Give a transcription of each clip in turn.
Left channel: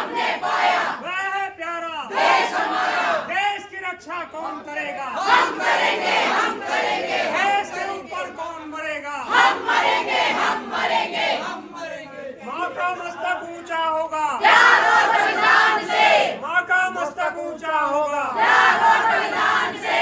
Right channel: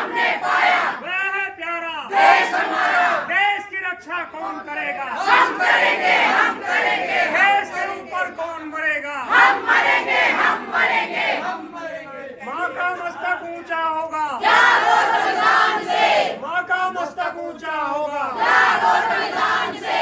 हमने पाया, वह है प्यारा देश हमारा, देश की रक्षा कौन करेगा, हम करेंगे, हम करेंगे, देश के ऊपर कौन मरेगा, हम मरेंगे, हम मरेंगे, माँ का मस्तक ऊंचा होगा, प्यार और बलिदान से, माँ का मस्तक ऊंचा होगा, प्यार और बलिदान से,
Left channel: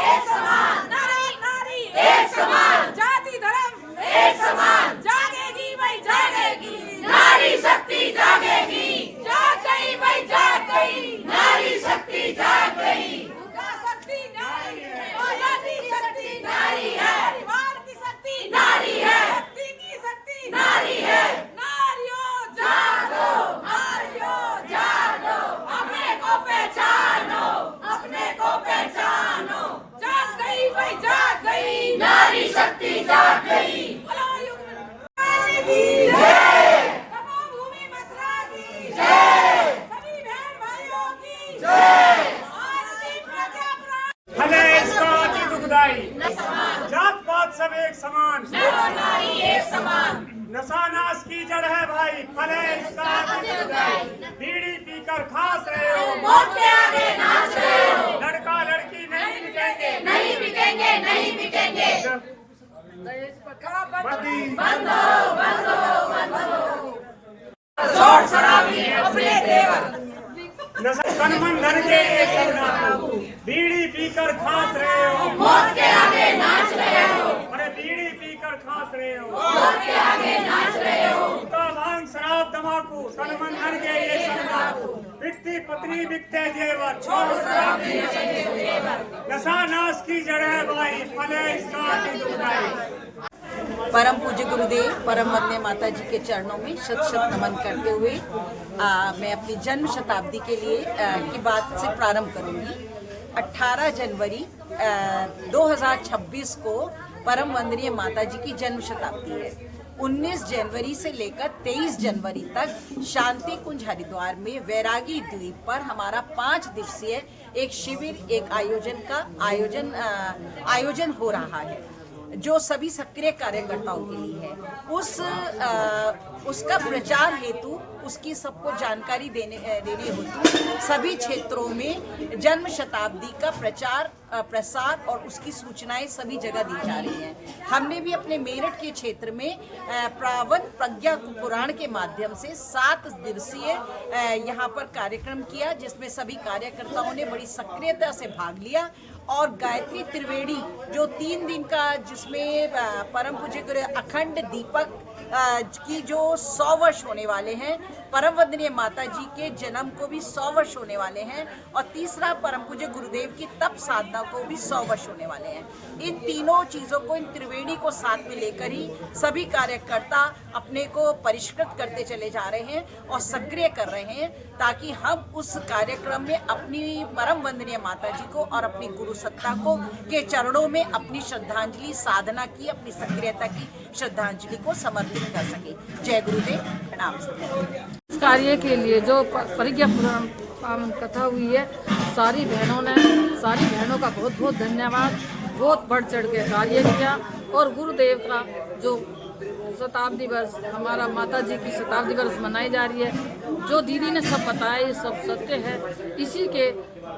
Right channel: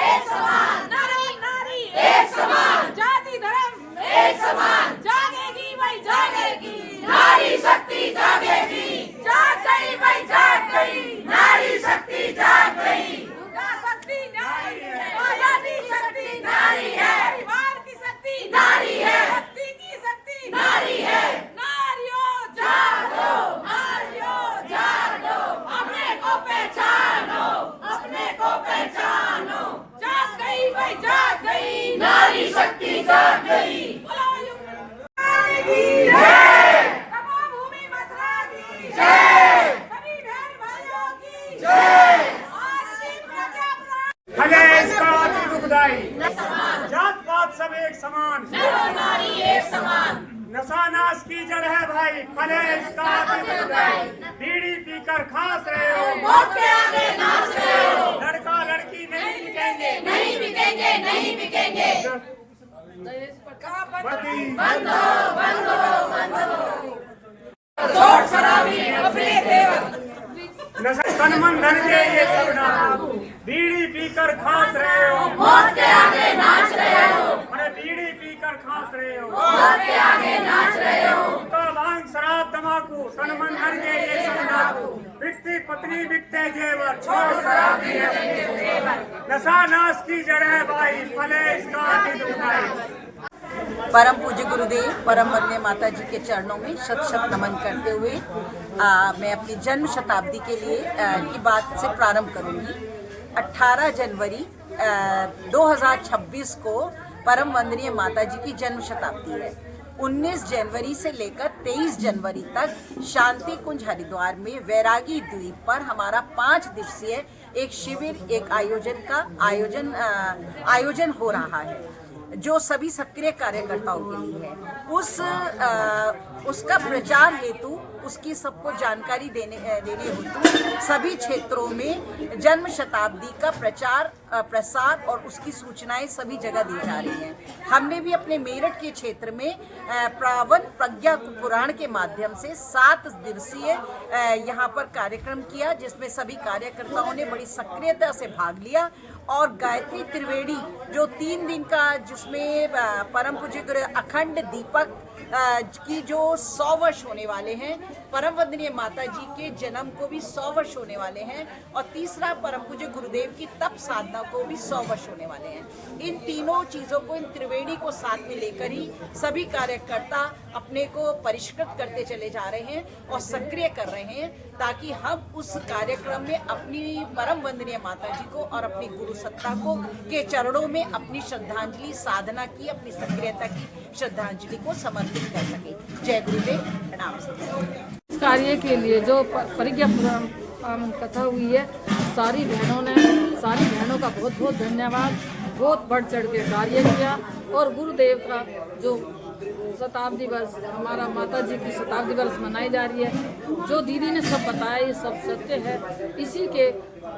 एक समान, नारी नारी एक समान, जाति धर्म एक समान, जागेगी भाई जागेगी, नारी शक्ति जागेगी, जाग गई भाई जाग गई, नारी शक्ति जाग गई, दुर्गा शक्ति नारी है, आजादी की शक्ति नारी है, परिवार की शक्ति नारी है, शक्ति की शक्ति नारी है, नारियों जागो, नारियों जागो, अपने को पहचानो, अपने को पहचानो, जाग गई भाई जाग गई, नारी शक्ति जाग गई, बोलो की जय, तपोभूमि मथुरा की जय, सभी बहन भाइयों की जय, भारतीय प्रजा प्राण भले इसका अति दुखदाई, जात पात सब एक समान, नारी एक समान, नशा नाश की जड़ है भाई, भले इसका अति दुखदाई, बीड़ी पीकर खास रहे हो, मौत के आगे नाच रहे हो, लड़का लड़की नहीं बिकेंगे, नहीं बिकेंगे, नहीं बिकेंगे, बंद शॉर्ट शराबी अपने देवर, नशा तन मन धन के ये सब डाकू, बीड़ी पीकर खास रहे हो, मौत के आगे नाच रहे हो, अरे बीड़ी पीकर खास रहे हो, मौत के आगे नाच रहे हो, का भांग शराब तमाकू, तन मन धन के ये सब डाकू, बिकती पत्नी बिकते जेवर, छोड़ शराबी नशा नाश की जड़ है भाई, भले इसका अति दुखदाई। परम पूज्य गुरुदेव परम वंदनीय माता जी के चरणों में शत शत नमन करते हुए मैं अपनी जन्म शताब्दी के लिए की बात से प्रारंभ करूंगी। 18 जनवरी 2026 को परम वंदनीय माता जी की जन्म शताब्दी है। 19 जनवरी से लेकर 23 जनवरी तक शांति कुंज हरिद्वार में वैरागी द्वीप पर हमारा 5 दिवसीय एक शिविर एक आयोजन हो रहा है, जो सभी सक्रिय कार्यकर्ताओं के लिए है। उसका प्रचार हेतु, उसकी सबको जानकारी देने हेतु सभी क्षेत्रों में जन्म शताब्दी का प्रसार और उसकी सूचनाएं सभी जगह दी जा रही हैं। हमने भी अपने मेरठ के क्षेत्र में पावन प्रज्ञा पुराण के माध्यम से 7 दिवसीय यहाँ पर कार्यक्रम किया, जिसमें सभी कार्यकर्ताओं ने बड़ी सक्रियता से भाग लिया। और गायत्री त्रिवेणी जो 3 दिन का, जिसमें परम पूज्य गुरु अखंड दीपक की जो 100 वर्ष होने वाले हैं, परम वंदनीय माता जी के जन्म को भी 100 वर्ष होने वाले हैं, और तीसरा परम पूज्य गुरुदेव की तप साधना को भी 100 वर्ष होने वाले हैं। इन तीनों चीज़ों को, इन त्रिवेणी को साथ में लेकर ही सभी कार्यकर्ता अपने को परिष्कृत करते चले जा रहे हैं और सक्रिय कर रहे हैं, ताकि हम उस कार्यक्रम में अपनी परम वंदनीय माता जी को और अपनी गुरु सत्ता को के चरणों में अपनी श्रद्धांजलि साधना की, अपनी सक्रियता की श्रद्धांजलि को समर्पित कर सके। जय गुरुदेव, प्रणाम। इस कार्य के लिए जो परिज्ञा पावन कथा हुई है, सारी बहनों का बहुत बहुत धन्यवाद। बहुत बढ़ चढ़ के कार्य किया, और गुरुदेव का जो शताब्दी वर्ष, हमारा माता जी की शताब्दी वर्ष मनाई जा रही है, जो दीदी ने सब बताया ये सब सत्य है। इसी के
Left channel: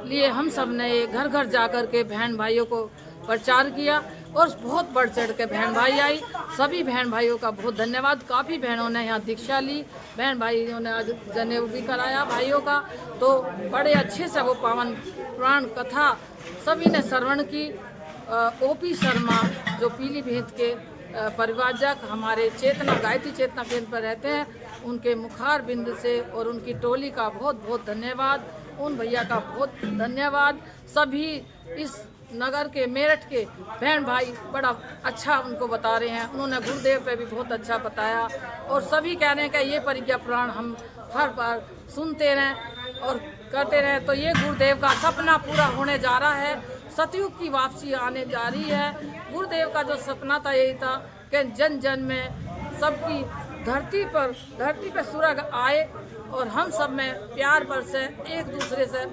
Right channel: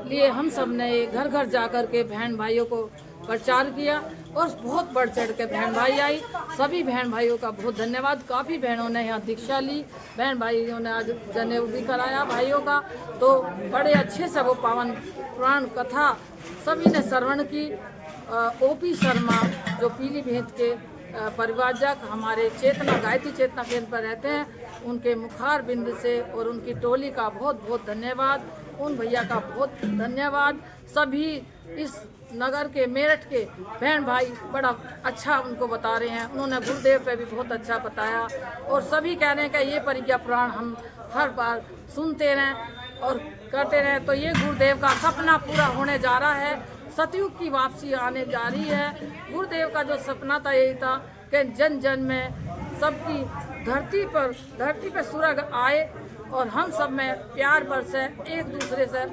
लिए हम सब ने घर घर जाकर के बहन भाइयों को प्रचार किया, और बहुत बढ़ चढ़ के बहन भाई आई। सभी बहन भाइयों का बहुत धन्यवाद। काफ़ी बहनों ने यहाँ दीक्षा ली, बहन भाइयों ने आज जनेऊ भी कराया भाइयों का, तो बड़े अच्छे से वो पावन पुराण कथा सभी ने श्रवण की। ओपी शर्मा जो पीलीभीत के परिवारजक हमारे चेतना गायत्री चेतना केंद्र पर रहते हैं, उनके मुखार बिंद से और उनकी टोली का बहुत बहुत धन्यवाद। उन भैया का बहुत धन्यवाद। सभी इस नगर के, मेरठ के बहन भाई बड़ा अच्छा उनको बता रहे हैं। उन्होंने गुरुदेव पे भी बहुत अच्छा बताया, और सभी कह रहे हैं कि ये परिज्ञा पुराण हम हर बार सुनते रहें और करते रहें। तो ये गुरुदेव का सपना पूरा होने जा रहा है। सतयुग की वापसी आने जा रही है। गुरुदेव का जो सपना था यही था कि जन जन में सबकी धरती पर सुरग आए, और हम सब में प्यार बरसे, एक दूसरे से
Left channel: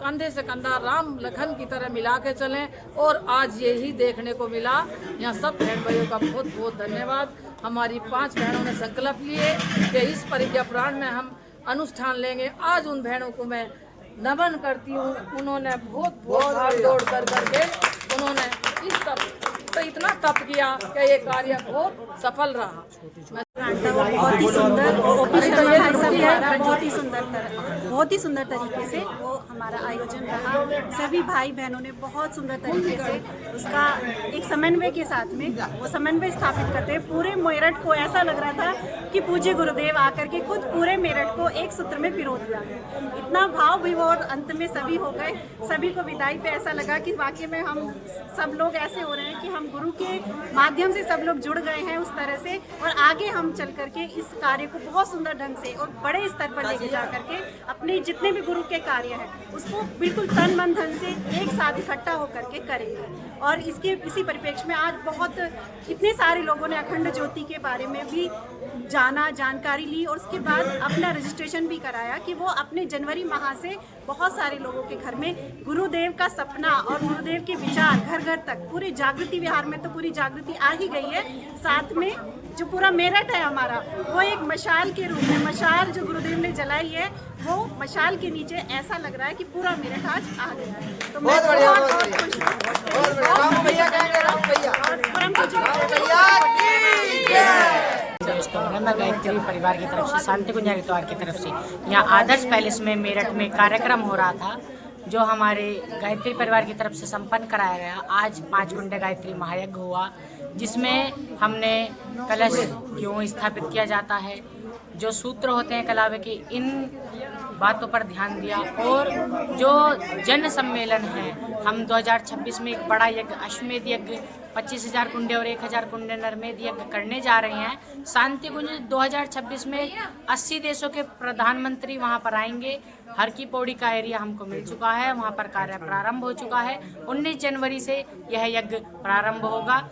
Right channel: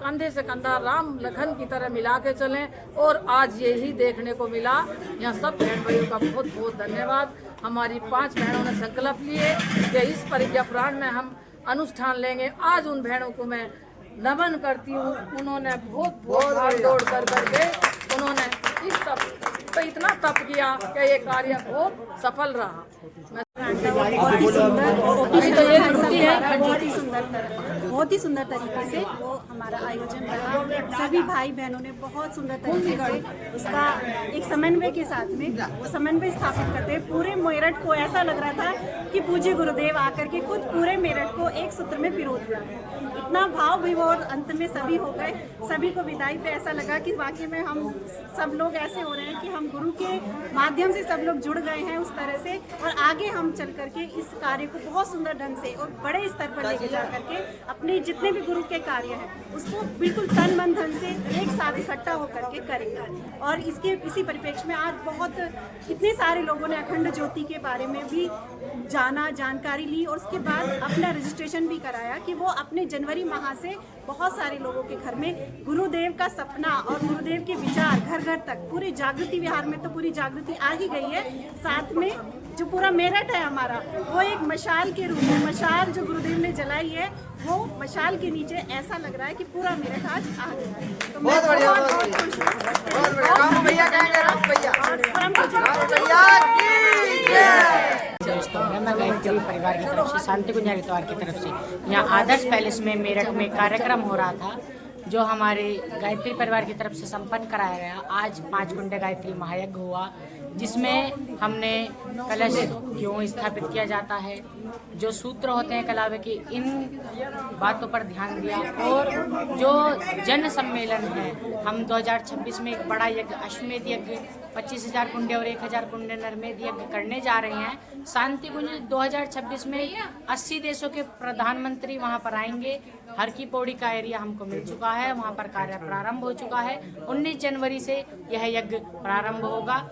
कंधे से कंधा राम लखन की तरह मिला के चलें। और आज यही देखने को मिला। यहाँ सब बहन भाइयों का बहुत बहुत धन्यवाद। हमारी 5 बहनों ने संकल्प लिए कि इस परिज्ञा पुराण में हम अनुष्ठान लेंगे। आज उन बहनों को मैं नमन करती हूँ। उन्होंने बहुत भाग दौड़ कर करके उन्होंने इस तप तो इतना तप किया कि ये कार्य बहुत सफल रहा। वो बहुत ही सुंदर ओपी शर्मा भाई साहब द्वारा बहुत ही सुंदर तरीके से वो हमारा आयोजन रहा। सभी भाई बहनों ने बहुत सुंदर तरीके से उसका एक समन्वय के साथ में वो समन्वय स्थापित करते हैं। पूरे मेरठ को ऐसा लग रहा था कि पूज्य गुरुदेव आकर के खुद पूरे मेरठ को एक सूत्र में पिरो दिया है। इतना भाव विभोर अंत में सभी हो गए। सभी को विदाई पे ऐसा लगा कि वाकई में हम सब लोग ऐसे हो रहे हैं कि हम गुरु के माध्यम से सब लोग जुड़ गए हैं उस तरह से। और आगे हम चल करके इस कार्य को बहुत सुंदर ढंग से और बड़े स्तर पर लेके जा करके अपने जितने भी गुरु के कार्य हैं उसको बिल्कुल तन मन धन से एक साथ इकट्ठा होकर के करेंगे। और इसी परिप्रेक्ष्य में आज बहुत इतने सारे लोगों ने अखंड ज्योति के बारे में भी जानकारी ली और उसके बाद अपना रजिस्ट्रेशन भी कराया कि वो अपने जनवरी माह से बहुत सारे लोगों के घर में गुरुदेव का सपना और गुरुदेव के विचार घर घर तक पूरे जागृति विहार में तो पूरी जागृति आ ही गई है। साथ में जो पूरा मेरठ है हमारा वो एक मशाल के रूप में मशाल जो गुरुदेव ने जलाई है वो मशाल के नीचे ऐसा लग रहा है कि पूरा मेरठ आज आ गया है। तो मैं बहुत खुश हूँ। दोस्तों मैं गायत्री परिवार की तरफ से शांति कुंज हरिद्वार की तरफ से यहाँ आदर्श पैलेस में मेरठ में कार्यक्रम हो रहा था जो हमारे गायत्री परिवार की तरफ से संपन्न कराया गया। आज 5 कुंड गायत्री महायज्ञ हुआ जिसमें हमने कलश क्यों स्थापित किया जाता है, जो सूत्र होते हैं कलावे के, इन बातों पर ध्यान दिया। और जो जन सम्मेलन है हम 2026 में एक बड़ा यज्ञ अश्वमेध यज्ञ 25,000 कुंडे और 1,000 कुंडे नरमेध यज्ञ करने जा रहे हैं। शांति कुंज 2026 में 80 देशों के प्रधानमंत्री वहां पर आएंगे। हर की पौड़ी का एरिया हमको मिल चुका है, वहां पर कार्य प्रारंभ हो चुका है। 19 जनवरी से यह यज्ञ प्रारंभ होगा।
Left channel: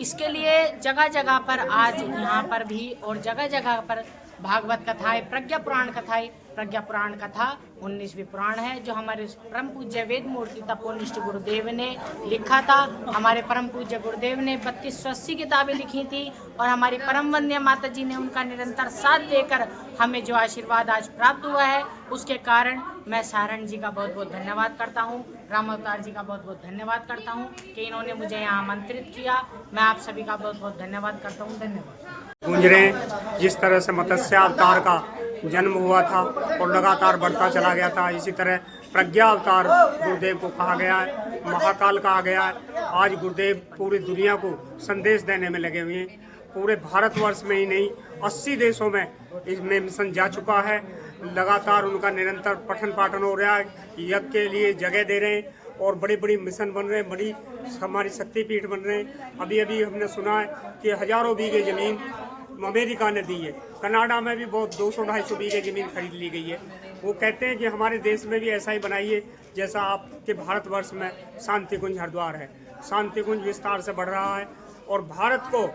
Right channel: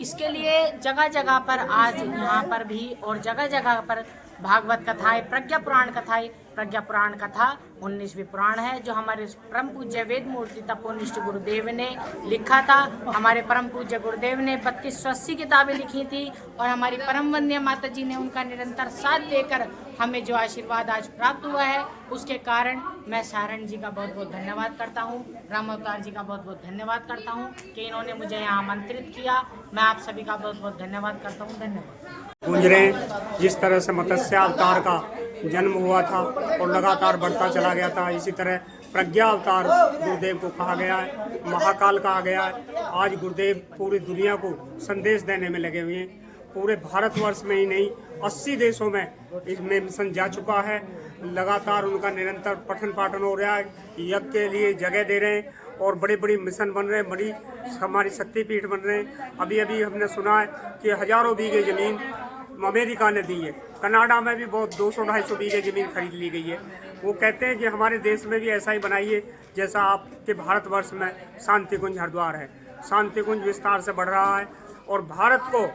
इसके लिए जगह जगह पर आज यहाँ पर भी और जगह जगह पर भागवत कथाएं, प्रज्ञा पुराण कथाएं, प्रज्ञा पुराण कथा 19वीं पुराण है जो हमारे परम पूज्य वेद मूर्ति तपोनिष्ठ गुरुदेव ने लिखा था। हमारे परम पूज्य गुरुदेव ने 3280 किताबें लिखी थी और हमारी परम वंद्य माता जी ने उनका निरंतर साथ देकर हमें जो आशीर्वाद आज प्राप्त हुआ है उसके कारण मैं सारण जी का बहुत बहुत धन्यवाद करता हूँ, राम अवतार जी का बहुत बहुत धन्यवाद करता हूँ कि इन्होंने मुझे यहाँ आमंत्रित किया। मैं आप सभी का बहुत बहुत धन्यवाद करता हूँ। धन्यवाद। गुंजरें जिस तरह से मत्स्य अवतार का जन्म हुआ था और लगातार बढ़ता चला गया था, इसी तरह प्रज्ञा अवतार गुरुदेव को कहा गया है, महाकाल कहा गया है। आज गुरुदेव पूरी दुनिया को संदेश देने में लगे हुए हैं। पूरे भारतवर्ष में ही नहीं 80 देशों में इसमें मिशन जा चुका है। लगातार उनका निरंतर पठन पाठन हो रहा है, यज्ञ के लिए जगह दे रहे हैं और बड़ी बड़ी मिशन बन रहे हैं, बड़ी हमारी शक्तिपीठ बन रहे हैं। अभी अभी हमने सुना है कि हजारों बीघे ज़मीन अमेरिका ने दी है, कनाडा में भी बहुत 200-250 बीघे ज़मीन खरीद ली गई है। वो कहते हैं कि हमारे देश में भी ऐसा ही बनाइए जैसा आपके भारतवर्ष में शांति कुंज हरिद्वार है। शांति कुंज विस्तार से बढ़ रहा है और भारत को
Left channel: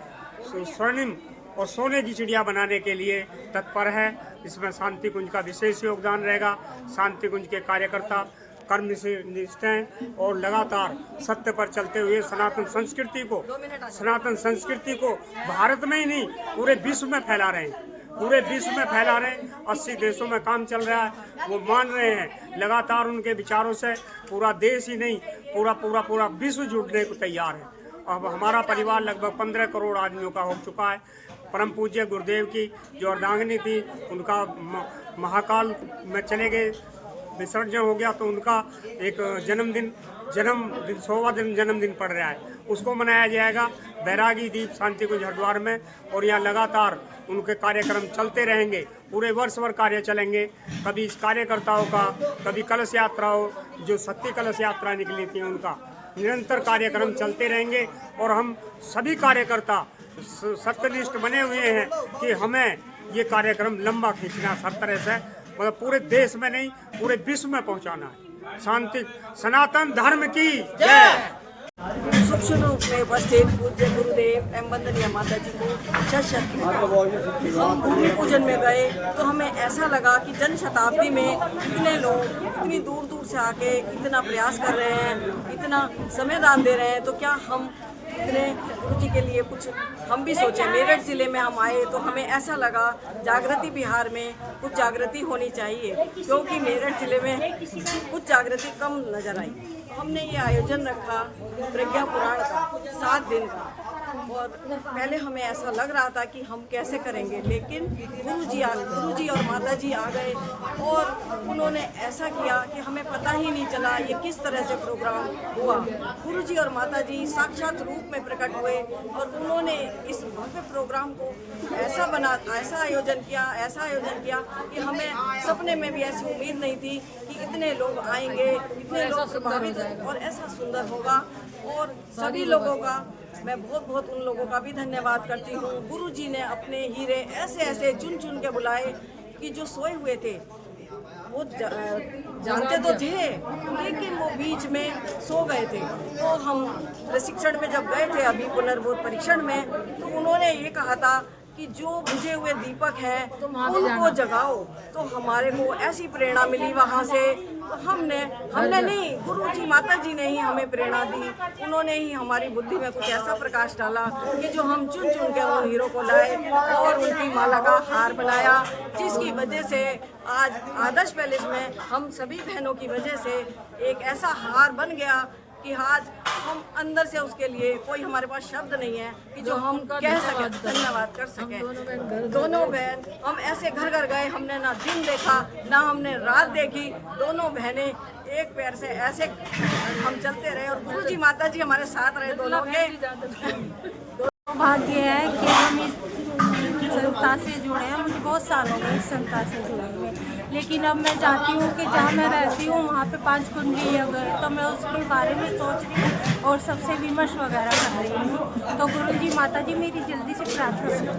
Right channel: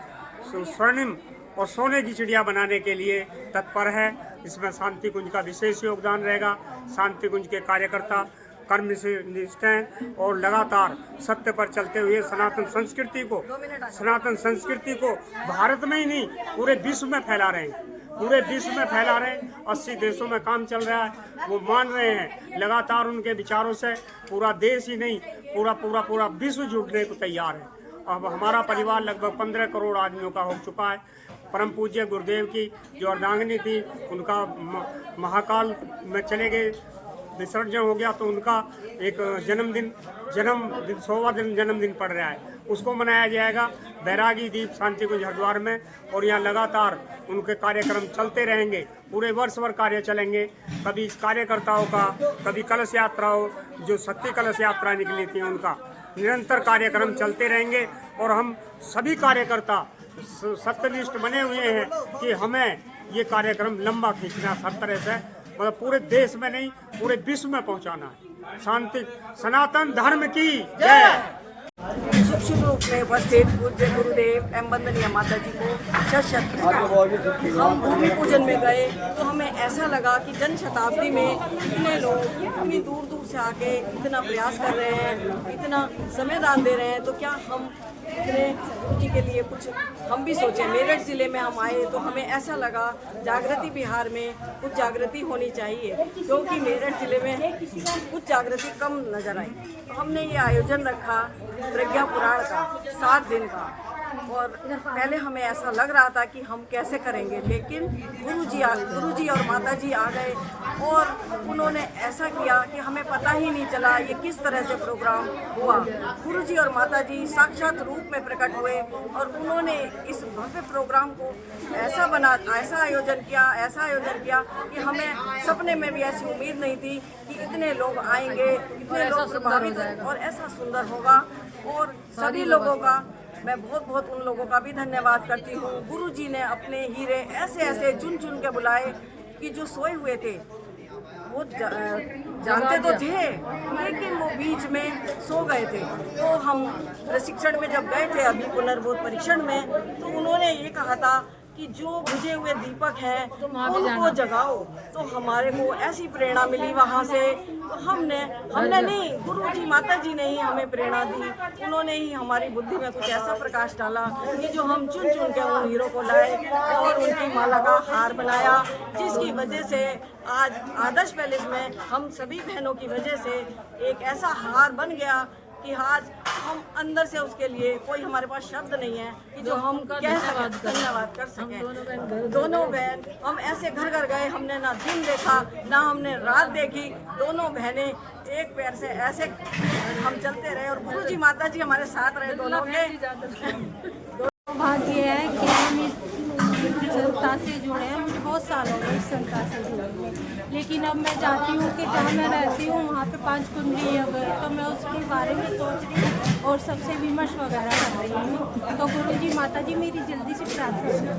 स्वर्णिम और सोने की चिड़िया बनाने के लिए तत्पर है। इसमें शांति कुंज का विशेष योगदान रहेगा। शांति कुंज के कार्यकर्ता कर्म से निष्ठ हैं और लगातार सत्य पर चलते हुए सनातन संस्कृति को भारत में ही नहीं पूरे विश्व में फैला रहे हैं। पूरे विश्व में फैला रहे हैं। 80 देशों में काम चल रहा है, वो मान रहे हैं। लगातार उनके विचारों से पूरा देश ही नहीं पूरा विश्व जुड़ने को तैयार है। अब हमारा परिवार लगभग 15 करोड़ आदमियों का हो चुका है। परम पूज्य गुरुदेव की जो अर्धांगिनी थी उनका महाकाल में चले गए, विसर्जन हो गया, तो उनका एक जन्मदिन 100वां जन्मदिन पड़ रहा है, उसको मनाया जाएगा बैरागी दीप शांति कुंज हरिद्वार में। और यहाँ लगातार उनके कार्यक्रम चलते रहेंगे, पूरे वर्ष भर कार्य चलेंगे। कभी इस कार्यकर्ताओं का, कभी कलश यात्रा हो, जो शक्ति कलश यात्रा निकली थी उनका, निरंतर कार्यक्रम चलते रहेंगे। और हम सभी कार्यकर्ता सत्यनिष्ठ बने हुए हैं कि हमें ये कार्यक्रम लंबा खींचना, हर तरह से मतलब पूरे देश में नहीं पूरे विश्व में पहुंचाना है। शांति सनातन धर्म की जय। मुख्य रूप में उपस्थित पूज्य गुरुदेव एवं वंदनीय माता जी को शत प्रणाम। हम भूमि पूजन में गए तो हमें ऐसा लगा कि जन शताब्दी में इतने लोग इतनी दूर दूर से आके इतना प्रयास कर रहे हैं, इतना समय दान दे रहे हैं, तो क्या हम इतने गुरु जी के लिए कुछ हम भी सोचें। मेरठ ज़िले में हम आए तो हमें ऐसा लगा जागृति बिहार में कुछ जागृति होनी चाहिए, क्योंकि मेरठ ज़िले में कुछ जागृति कम नज़र आई। तो हमने ये आयोजन रखा प्रज्ञा पुराण का 7 दिन का, और पहले हमें ऐसा लग रहा था कि हम कैसे करेंगे, लेकिन गुरु जी और माता जी आ गए और उन्होंने ऐसा किया कि हमें पता ही नहीं चला ये किस तरह से प्रोग्राम हुआ। गुरु जी और माता जी साक्षात रूप में प्रकट हुए और उन्होंने इस भव्य प्रोग्राम को ऐसा आयोजन किया कि हमें सपने में भी ऐसी उम्मीद नहीं थी कि इतने लोग आएंगे, इतने लोग प्रभावित और ऐसा सुंदर होगा। और सभी लोगों का मैं बहुत उन लोगों का भी धन्यवाद करती हूँ। गुरु जी ने अपने हीरे ऐसे चुन के बुलाए कि जो सोए हुए थे वो जानते तो थे, लेकिन वो बीच में सो गए थे। तो हम प्रशिक्षण में जब गए थे अभी पुनर्बोध परीक्षण में, तो उन्होंने ये कहा था कि जो बुझे हुए दीपक हैं उनको जगाओ। तो हमारे को ऐसी प्रेरणा मिली वहाँ से। तो हमने नहीं, गुरु जी माता जी ने ही हमें प्रेरणा दी। उन्होंने ही हमारी बुद्धि में कुछ ऐसा प्रकाश डाला कि जो हम चुन के उन हीरो को लाए और उनकी माला का हार बनाया, जिसकी वजह से आज आदर्श पैलेस में हम सभी बहनों की वजह से एक ऐसा हार बन गया कि आज हम अंदर से उसके लिए कोई हमारे पास शब्द नहीं है कि जो हम कह सकें, धन्यवाद कर सकें। दोनों बहन हम ऐसे घर गए, हमने ना दिन देखा ना हमने रात देखी, दोनों बहनें एक पैर से ऐसे हम चलते रहे और गुरु जी माता जी हमारे साथ रहे दोनों के। भाग्य है कि हम इस संस्था से जुड़े हैं। मुझे बहुत साल हो गए इस संस्था से जुड़े हुए, लेकिन अब मैं चाहती हूँ कि जहाँ मैं रहती हूँ वहाँ पे 5 कुंडली अगर, तो मैं उसके बारे में सोच रही हूँ और सबसे विमर्श वगैरह कर रही हूँ। तो गुरु जी माता जी मेरी जल्दी से प्रार्थना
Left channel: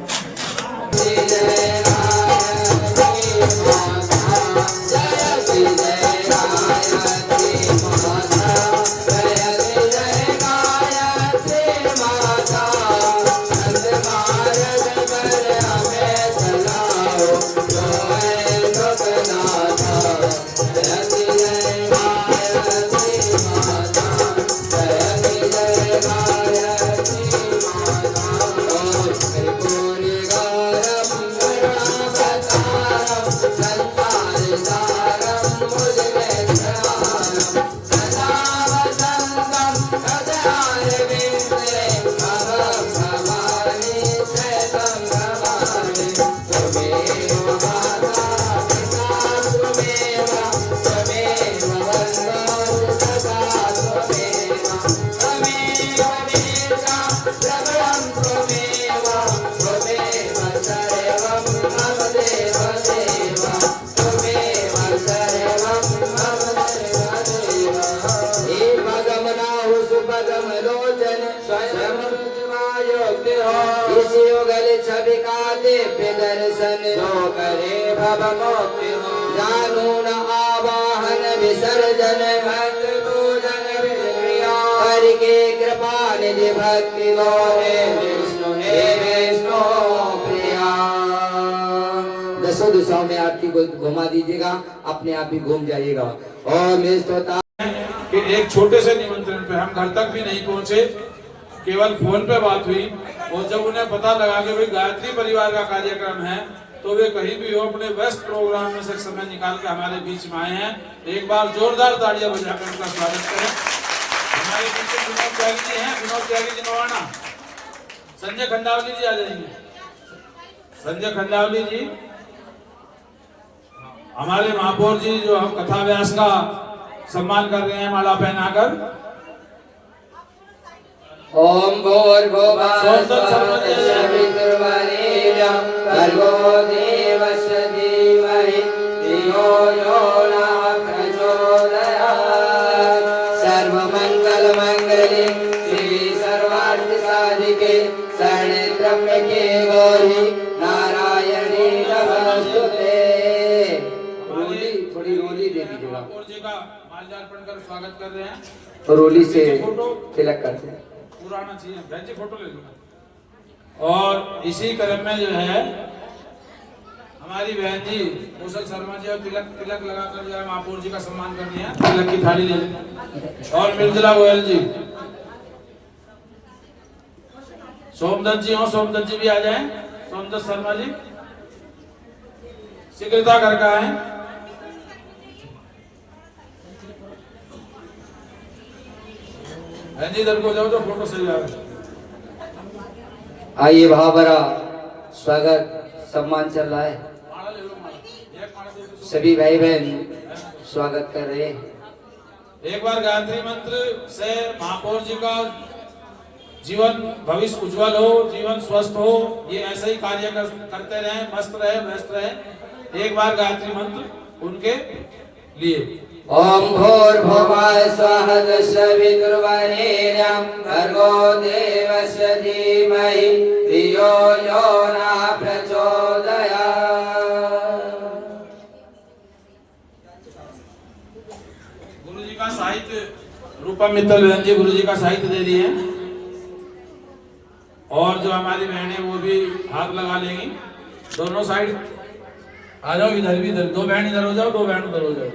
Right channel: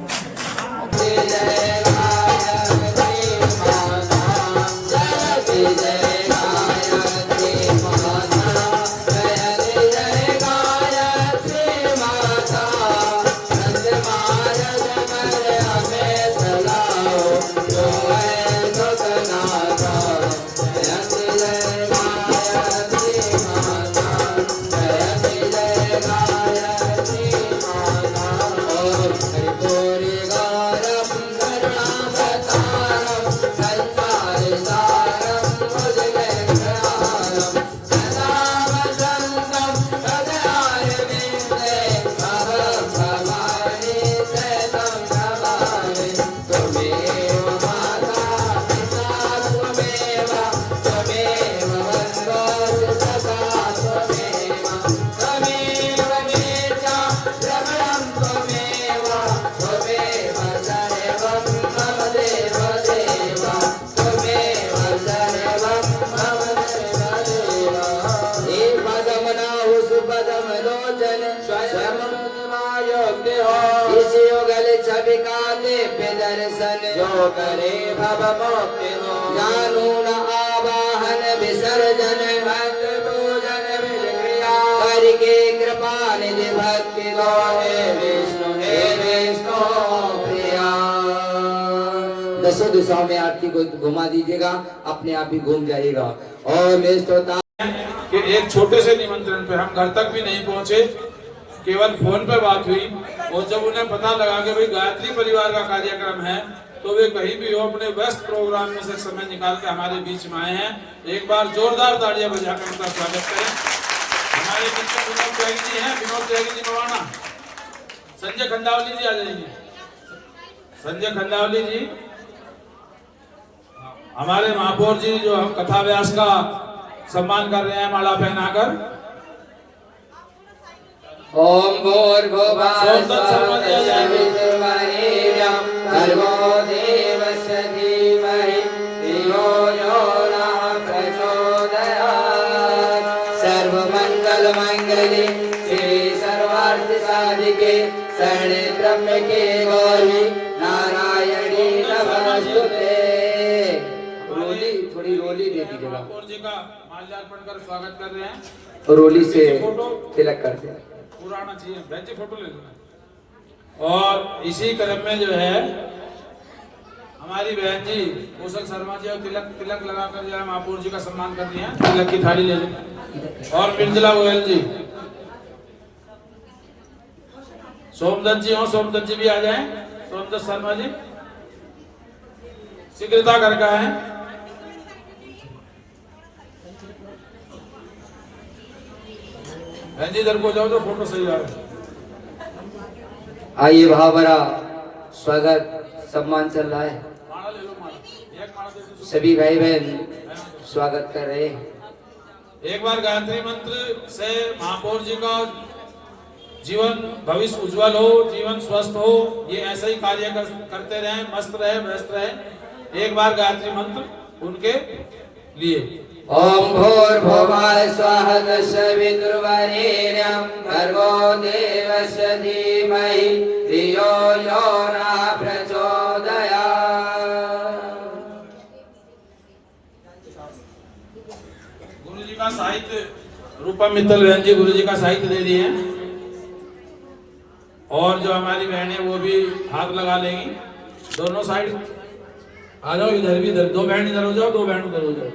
दसों दिशाओं में आरती को घुमा दीजिएगा, अपने आप ही घूम जाइएगा। और मैं सोचता कि एक छोटे से निमंत्रण पे हम घर तक भी नहीं पहुंचे, केवल फोन पे बात हुई, और जब उन्हें पता लगा कि भाई गायत्री परिवार का कार्यक्रम है, तो वे कहीं भी हो अपने व्यस्त प्रोग्राम में से समय निकाल के हमारे बीच में आए हैं। एक बार जोरदार तालियां बजाकर उनका स्वागत करें। हमारे बीच में विनोद त्यागी जी हैं, विनोद त्यागी जी नवाना, संजय खंडावली जी आ जाएंगे, संजय खंडावली जी, हमारे महापौर जी जो हम कथा व्यास का सम्मान कर रहे हैं माला पहनाकर। ओम भूर्भुवः स्वः भर्गो देवस्य धीमहि धियो यो नः प्रचोदयात्। सर्वमंगलमंगले श्री सर्वार्थ साधिके शरण्ये त्र्यंबके गौरी नारायणी नमोस्तुते। थोड़ी रोली दे दीजिएगा। महापौर जी का माल्यार्पण कर स्वागत कर रहे हैं। रोली से तिलक करते हैं। पूरा आना चाहिए, बहन जी फोटो ले लेना। और इसी क्रम में जो है हमारी बहन जी कौशल शर्मा जी और तिलक लगाकर जो है महापौर जी का सम्मान कर दिया, तिलक की थाली ले लें। और मिर्जला गोयल जी, सोमदत्त जी हो, सोमदत्त जी भी आ जाएं। सोमदत्त शर्मा जी शीघ्रता कर का है। बहन जी इधर को जाओ तो फोटो सही आए। आइए भावरा स्वागत सम्मान चल रहा है, सभी भाई बहन स्वागत कर रहे हैं। एक बार गायत्री मंत्र से महापौर जी का जीवन भविष्य उज्जवल हो, जीवन स्वस्थ हो, ये ऐसे ही कार्य करते रहे, मस्त रहे, व्यस्त रहे। एक बार गायत्री मंत्र उनके लिए। ओम भूर्भुवः स्वः तत्सवितुर्वरेण्यं भर्गो देवस्य धीमहि धियो यो न प्रचोदयात्। गुरु जी का साहित्य रूपम मित्तल बहन जी गुरु जी का साहित्य दे दिए हैं। और जो हमारी बहनें वो भी हाथ लगा लेंगी। दोनों साइड आ जाओ, इधर भी इधर, दो बहन इधर हो जाओ, दो बहन उधर हो जाओ।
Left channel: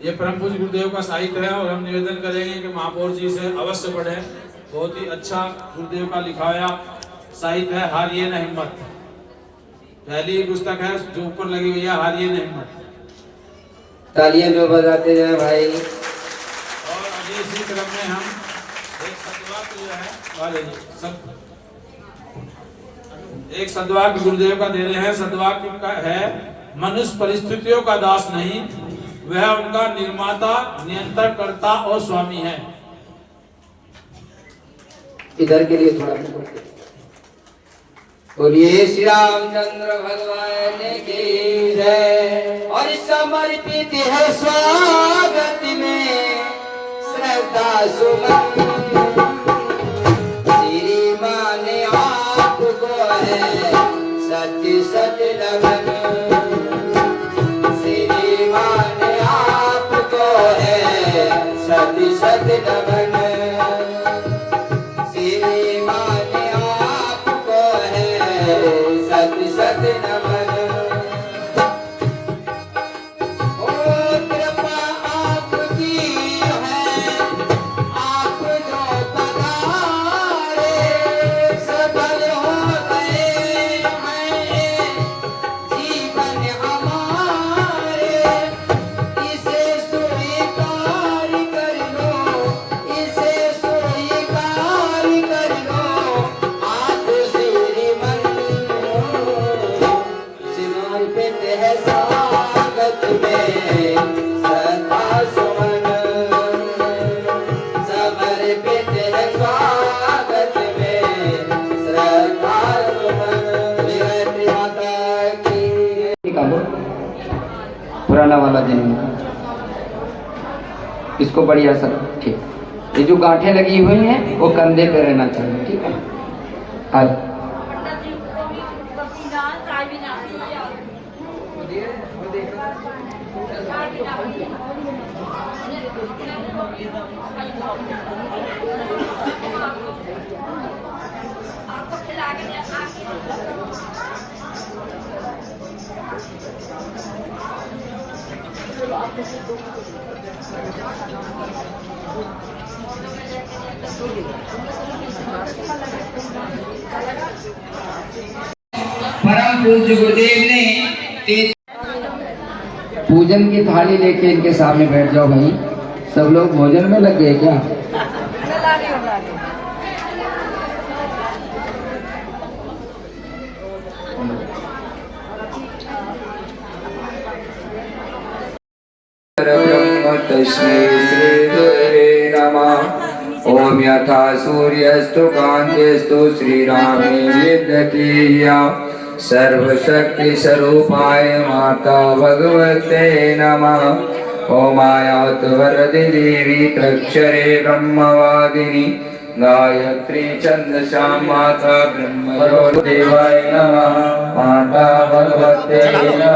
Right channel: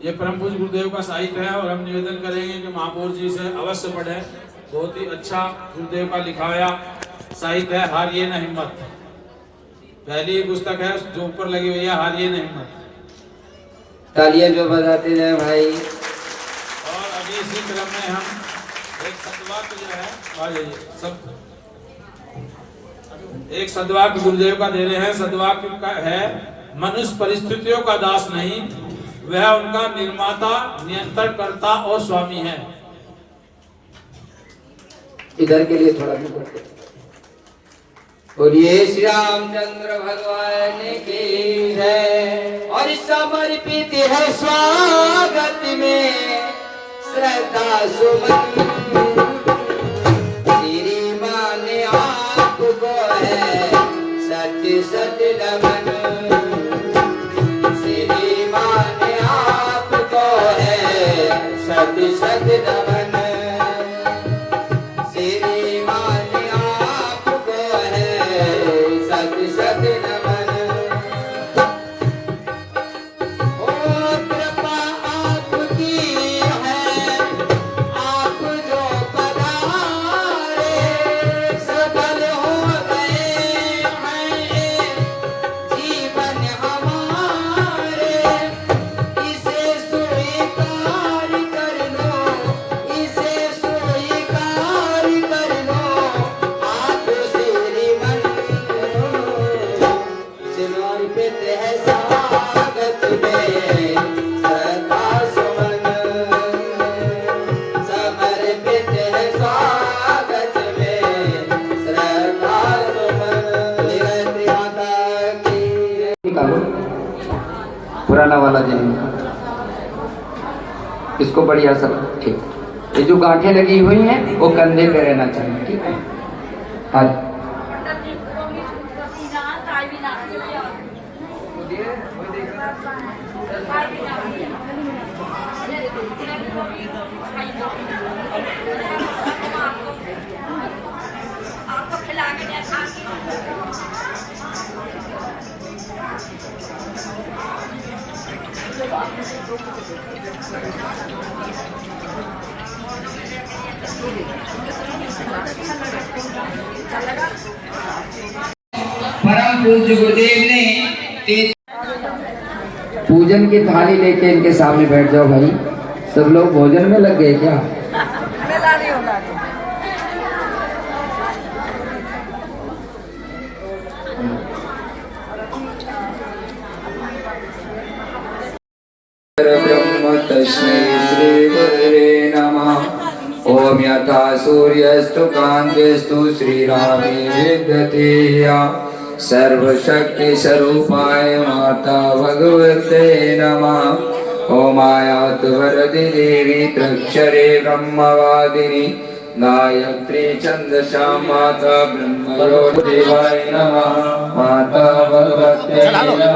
ये परम पूज्य गुरुदेव का साहित्य है और हम निवेदन करेंगे कि महापौर जी से अवश्य पढ़ें। बहुत ही अच्छा गुरुदेव का लिखा हुआ साहित्य है। हारिए न हिम्मत, पहली पुस्तक है जो ऊपर लगी हुई है, हारिए न हिम्मत। तालियां जो बजाते जाए भाई। और अभी इसी क्रम में हम एक सद्वाक्य जो है एक सद्वाक्य गुरुदेव का दे रहे हैं। सद्वाक्य का है, मनुष्य परिस्थितियों का दास नहीं, वह उनका निर्माता, नियंत्रण करता और स्वामी है। इधर के लिए थोड़ा बोलिए श्री रामचंद्र भगवान की जय। और समर्पित है स्वागत में श्रद्धा सुमन, श्रीमान आपको है सत्य सत्य नमन, श्रीमान आपको है सत्य सत्य नमन, श्रीमान आपको है सत्य सत्य नमन। पुराना वाला जमीन इसको बढ़िया सब ठीक। ये जो गांठें लगी हुई हैं वो कंधे पे रहना चाहिए, ठीक है। आज परम पूज्य गुरुदेव ने पूजन की थाली लेके इनके सामने बैठ जाओ भाई। सब लोग भोजन में लग गए क्या? ब्रह्म तस्मै श्री गुरवे नमः। ओम यथा सूर्यस्तु कान्तिस्तु श्रीरामे विद्यते या सर्वशक्ति स्वरूपाय माता भगवते नमः। ओमायात वरदे देवी त्र्यक्षरे ब्रह्मवादिनी गायत्री छंदसा माता ब्रह्मदेवाय नमः। माता भगवते नमः।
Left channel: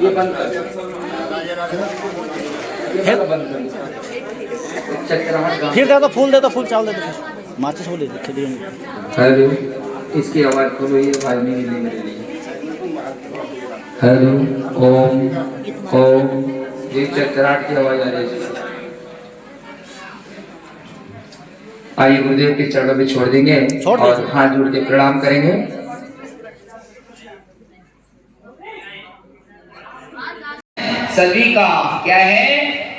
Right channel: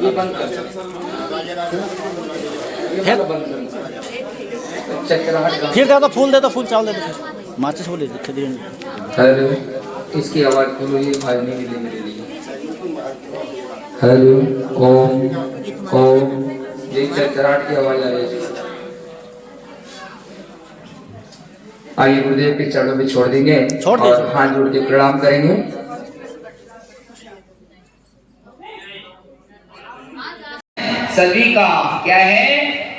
ये बंद कर। फिर दे दो फूल चावल दे दो फिर माचिस बोले हेलो, इसकी आवाज तो ये भाजने की नहीं। हेलो, ओम ओम, एक चक्राट की आवाज आ रही है। आइए गुरुदेव के चरणों में छोड़ देंगे और हाथ जोड़ के प्रणाम करेंगे। सभी का क्या है,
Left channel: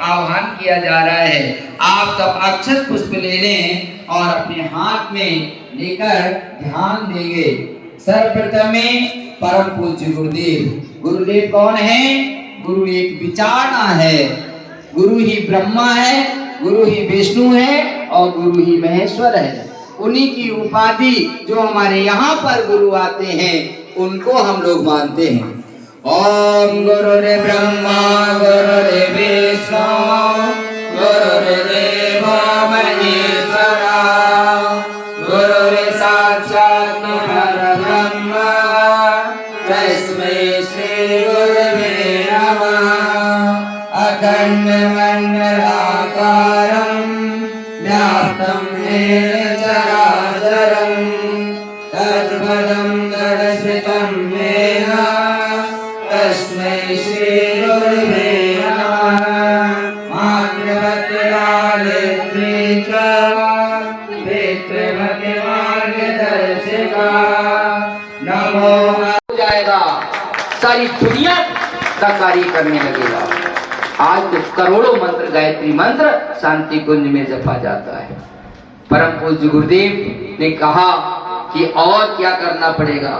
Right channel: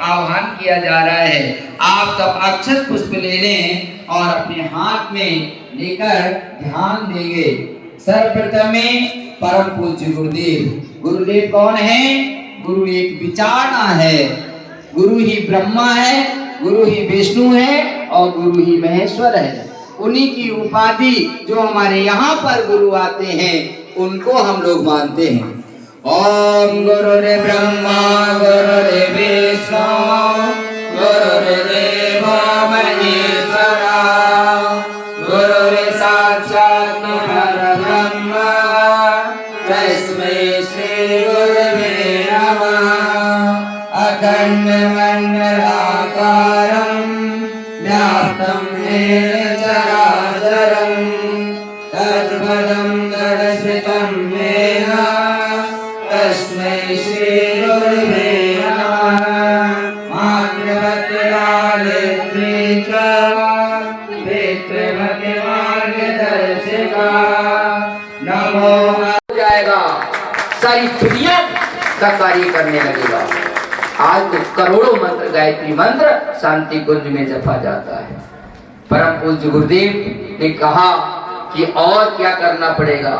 आह्वान किया जा रहा है। आप सब अक्षत पुष्प ले लें और अपने हाथ में लेकर ध्यान देंगे। सर्वप्रथम में परम पूज्य गुरुदेव। गुरुदेव कौन है? गुरु एक विचारणा है, गुरु ही ब्रह्मा है, गुरु ही विष्णु है और गुरु ही महेश्वर है। उन्हीं की उपाधि जो हमारे यहाँ पर गुरु आते हैं उनको हम लोग मानते हैं। ओम गुरुदेव ब्रह्मा गुरुदेव विष्णु गुरुदेव महेश्वरा गुरुदेव साक्षात् परब्रह्म तस्मै श्री गुरुवे नमः। अखंड मंडलाकारं व्याप्तं येन चराचरं तत्पदं दर्शितं येन तस्मै श्री गुरुवे नमः। मातृवत्सलालित्री च पितृमति मार्गदर्शिका नमो हो जाएगा, सारी दुनिया का कार्य करने लगेगा। आज तो करोड़ों मंत्र, गायत्री मंत्र शांति कुंज में जपा जाता है। परम पूज्य गुरुदेव ने कहा कि और क्या करना पड़ेगा,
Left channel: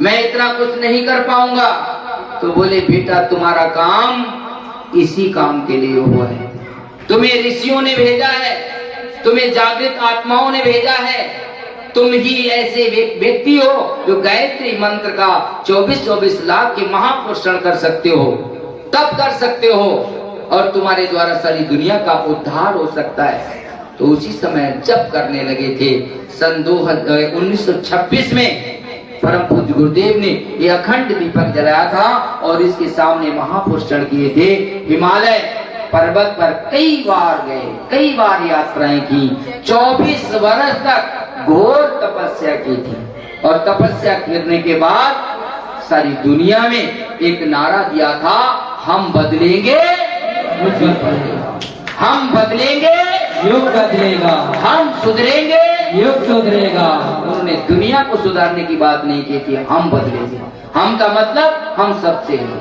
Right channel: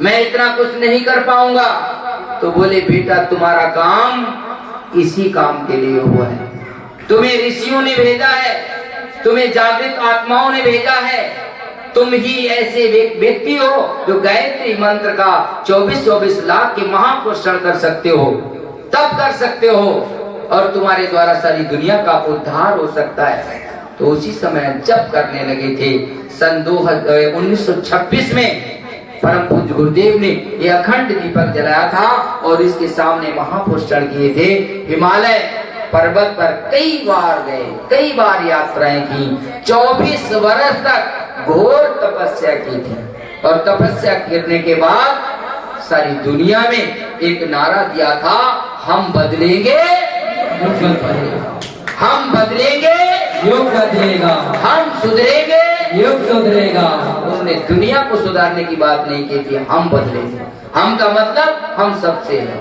मैं इतना कुछ नहीं कर पाऊंगा। तो बोले बेटा तुम्हारा काम इसी काम के लिए हुआ है। तुम्हें ऋषियों ने भेजा है, तुम्हें जागृत आत्माओं ने भेजा है। तुम ही ऐसे व्यक्ति हो जो गायत्री मंत्र का 24-24 लाख के महापोषण कर सकते हो, तब कर सकते हो और तुम्हारे द्वारा सारी दुनिया का उद्धार हो सकता है। तो उसी समय जप करने लगे थे। सन 1926 में परम पूज्य गुरुदेव ने ये अखंड दीपक जलाया था और इसके सामने महापुरुष चढ़ किए थे। हिमालय पर्वत पर कई बार गए, कई बार यात्राएं की। 24 वर्ष तक घोर तपस्या की थी और तपस्या करने के बाद सारी दुनिया में एक नारा दिया था, हम बदलेंगे युग बदलेगा, हम बदलेंगे युग बदलेगा, हम सुधरेंगे युग सुधरेगा। उन्होंने दुनिया को सुधारने की बात नहीं की थी, हम बदलेंगे। हम का मतलब हम सबसे हैं।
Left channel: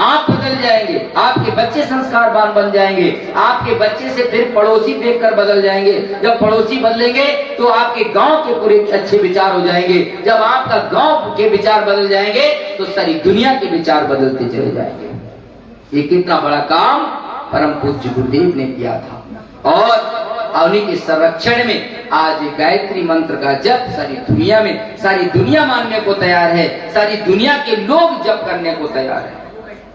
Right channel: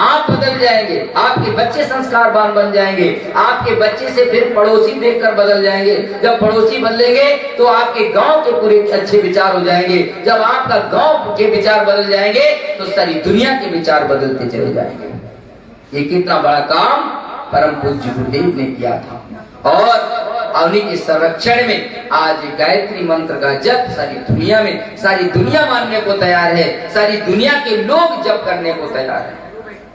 आप बदल जाएंगे, आपके बच्चे संस्कारवान बन जाएंगे, आपके बच्चे से फिर पड़ोसी देखकर बदल जाएंगे। जब पड़ोसी बदलेंगे तो आपके गांव के पूरे अच्छे विचार हो जाएंगे। जब आपका गांव के विचार बदल जाएंगे तो सारी दुनिया के विचार बदलते चले जाएंगे। ये कितना बड़ा काम परम पूज्य गुरुदेव ने किया था और उन्हीं के संरक्षण में आज गायत्री मंत्र का जप सारी दुनिया में, सारी दुनिया मानने को तैयार है, सारी दुनिया के लोग जप करने को तैयार है।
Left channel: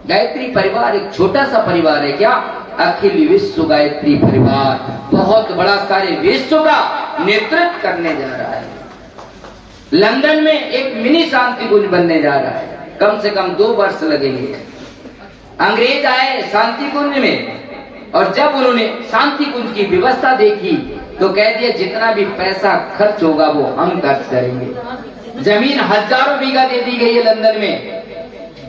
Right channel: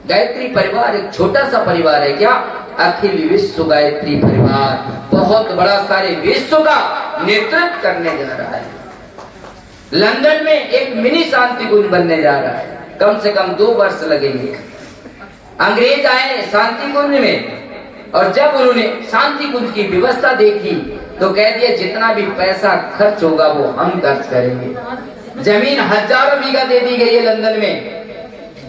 गायत्री परिवार एक छोटा सा परिवार है क्या? अखिल विश्व गायत्री परिवार बहुत बड़ा सारे विश्व का नेतृत्व करने जा रहा है। लंदन में एक मिनी शांति कुंज बनने जा रहा है, कम से कम 2 वर्ष लगेंगे। अंग्रेज आए शांति कुंज में और जब उन्होंने शांति कुंज की व्यवस्था देखी तो कह दिया जितना भी पैसा खर्च होगा वो हम खर्च करेंगे। जमीन हजारों बीघा दे दी गई है लंदन में।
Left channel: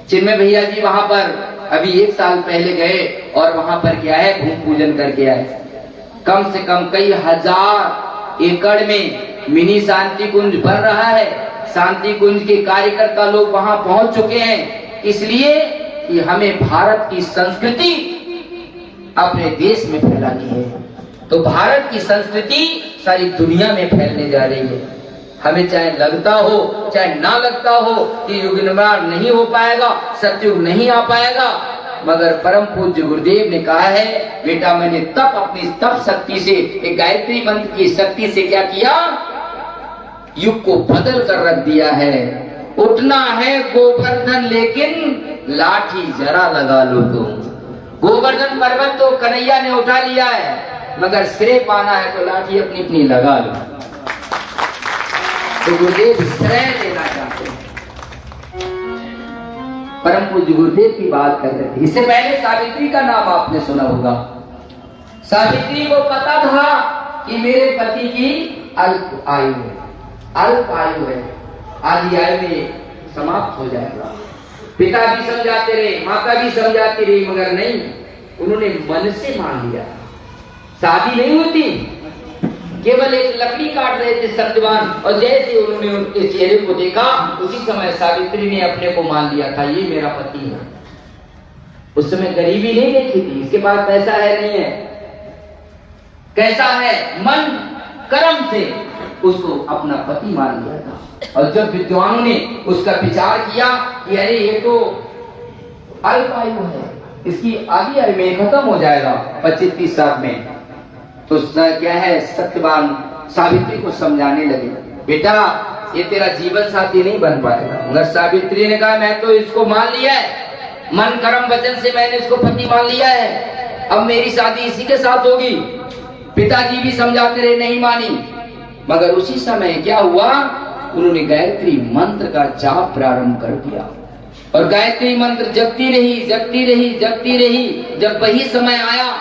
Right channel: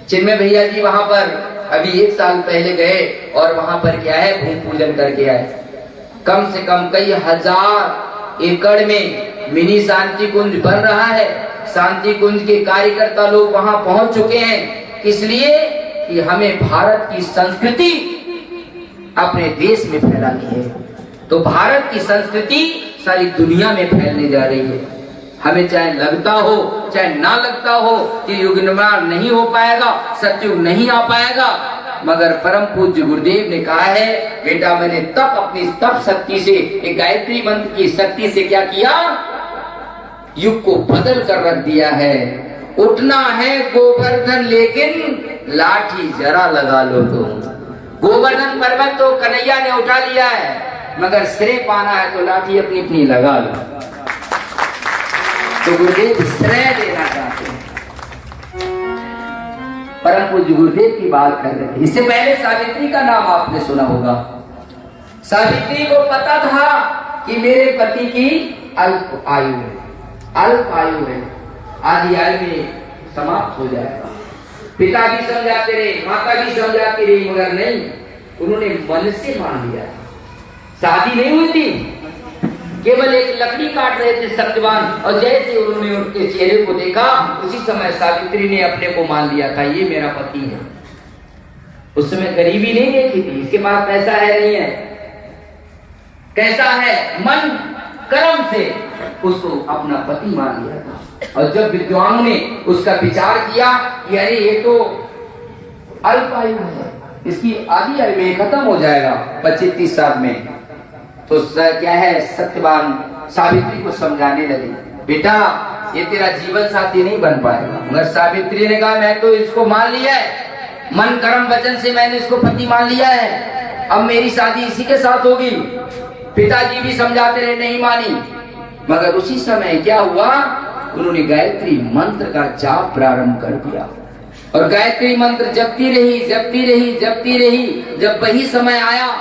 चिन्मय भैया जी वहां पर अभी 1 साल पहले गए और वहां पर क्या है, भूमि पूजन करके आए। कम से कम कई हजार एकड़ में मिनी शांति कुंज बन रहा है। शांति कुंज के कार्यकर्ता लोग वहां पहुंच चुके हैं, इसलिए कि हमें भारत की संस्कृति अपने देश में फैलानी है। तो भारत की संस्कृति सारी दुनिया में फैलने जा रही है। हमें चाहे लगता हो चाहे ना लगता हो कि युग निर्माण नहीं हो पाएगा, सतयुग नहीं आ पाएगा, मगर परम पूज्य गुरुदेव ने कहा है बेटा मैंने तप अपनी तप शक्ति से, एक गायत्री मंत्र की शक्ति से क्या किया, युग को बदल कर रख दिया है। उठना है गोवर्धन लेकिन लाठी जरा लगा लो तुम। गोवर्धन पर्वत तो कन्हैया ने उठा लिया है, मगर श्रेय पाना है तो लाठी अपनी अपनी लगा लो। तो गुरुदेव श्रेय देना चाहते हैं। परम पूज्य गुरुदेव की बात कर रहे थे। इससे पहले सावित्री का नाम आपने सुना होगा। सावित्री को पता था कि मेरे पति की अल्प आयु है, अल्प आयु है, आदि आयु में समाप्त हो जाएगा। पिता भी समझाते रहे, माता भी समझाती रही, मगर नहीं, उन्होंने मन से मान लिया। शादी नहीं हुई थी, केवल एक लकड़ी काट रहे थे सत्यवान, और जैसे उन्होंने उनके चेहरे को देखा उसी समय सावित्री ने अपने को मान लिया था, ये मेरा पति है। उस समय गरीबी नहीं देखी थी, इसके पास पैसा है नहीं है, कैसा है, मन कर्म से उसको अपना पति मान लिया था। और जब विद्वानों ने उसका विचार किया कि अरे ये तो अल्प आयु है, इसकी आधी आयु में खत्म हो जाएगा 25-30 साल में, तो क्या है, सत्यवान सावित्री को समझाने लगे, बेटा ये तेरा जीवन साथी नहीं बन पाएगा। मगर सावित्री ने कहा मैं तो इसको मान लिया है, मन कर्म वचन से मैंने इसको पति मान लिया है, अब मेरी शादी इसी के साथ होगी। पिताजी भी समझाते रहे, नहीं मानी। मगर उसी समय क्या हुआ, उन्होंने गायत्री मंत्र का जाप प्रारंभ कर दिया और गायत्री मंत्र जपती रही, जपती रही, जपती रही। जब वही समय आया,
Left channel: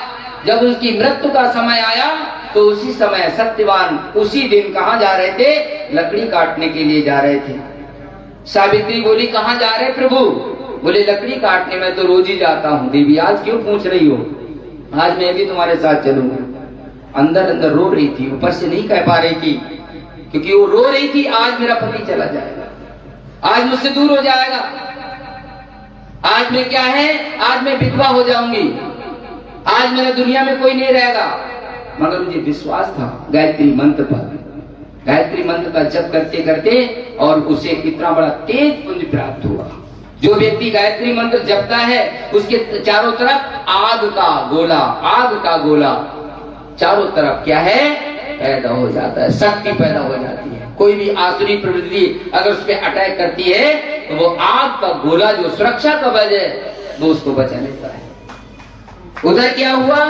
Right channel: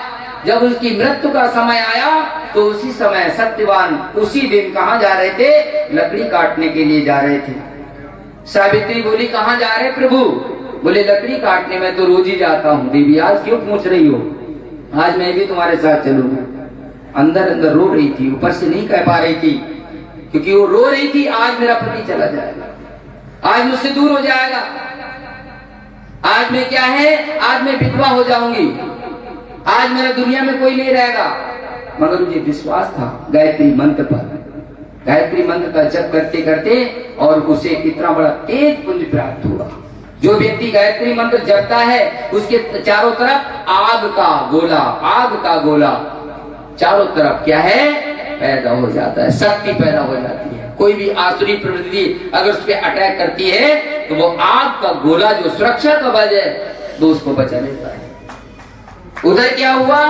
जब उसकी मृत्यु का समय आया, तो उसी समय सत्यवान उसी दिन कहाँ जा रहे थे, लकड़ी काटने के लिए जा रहे थे। सावित्री बोली कहाँ जा रहे प्रभु? बोले लकड़ी काटने में तो रोज ही जाता हूँ। देवी आज क्यों पूछ रही हो, आज मैं भी तुम्हारे साथ चलूंगी। अंदर अंदर रो रही थी, ऊपर से नहीं कह पा रही थी, क्योंकि वो रो रही थी आज मेरा पति चला जाएगा, आज मुझसे दूर हो जाएगा, आज मैं क्या है, आज मैं विधवा हो जाऊंगी, आज मेरा दुनिया में कोई नहीं रहेगा। मगर मुझे विश्वास था गायत्री मंत्र पर, गायत्री मंत्र का जप करते करते, और उसे कितना बड़ा तेज पुण्य प्राप्त हुआ। जो व्यक्ति गायत्री मंत्र जपता है उसके चारों तरफ आग का गोला, आग का गोला चारों तरफ क्या है, पैदा हो जाता है, शक्ति पैदा हो जाती है। कोई भी आसुरी प्रवृत्ति अगर उस पर अटैक करती है तो वो आग का गोला जो सुरक्षा कवच है वो उसको बचा लेता है। उधर क्या हुआ,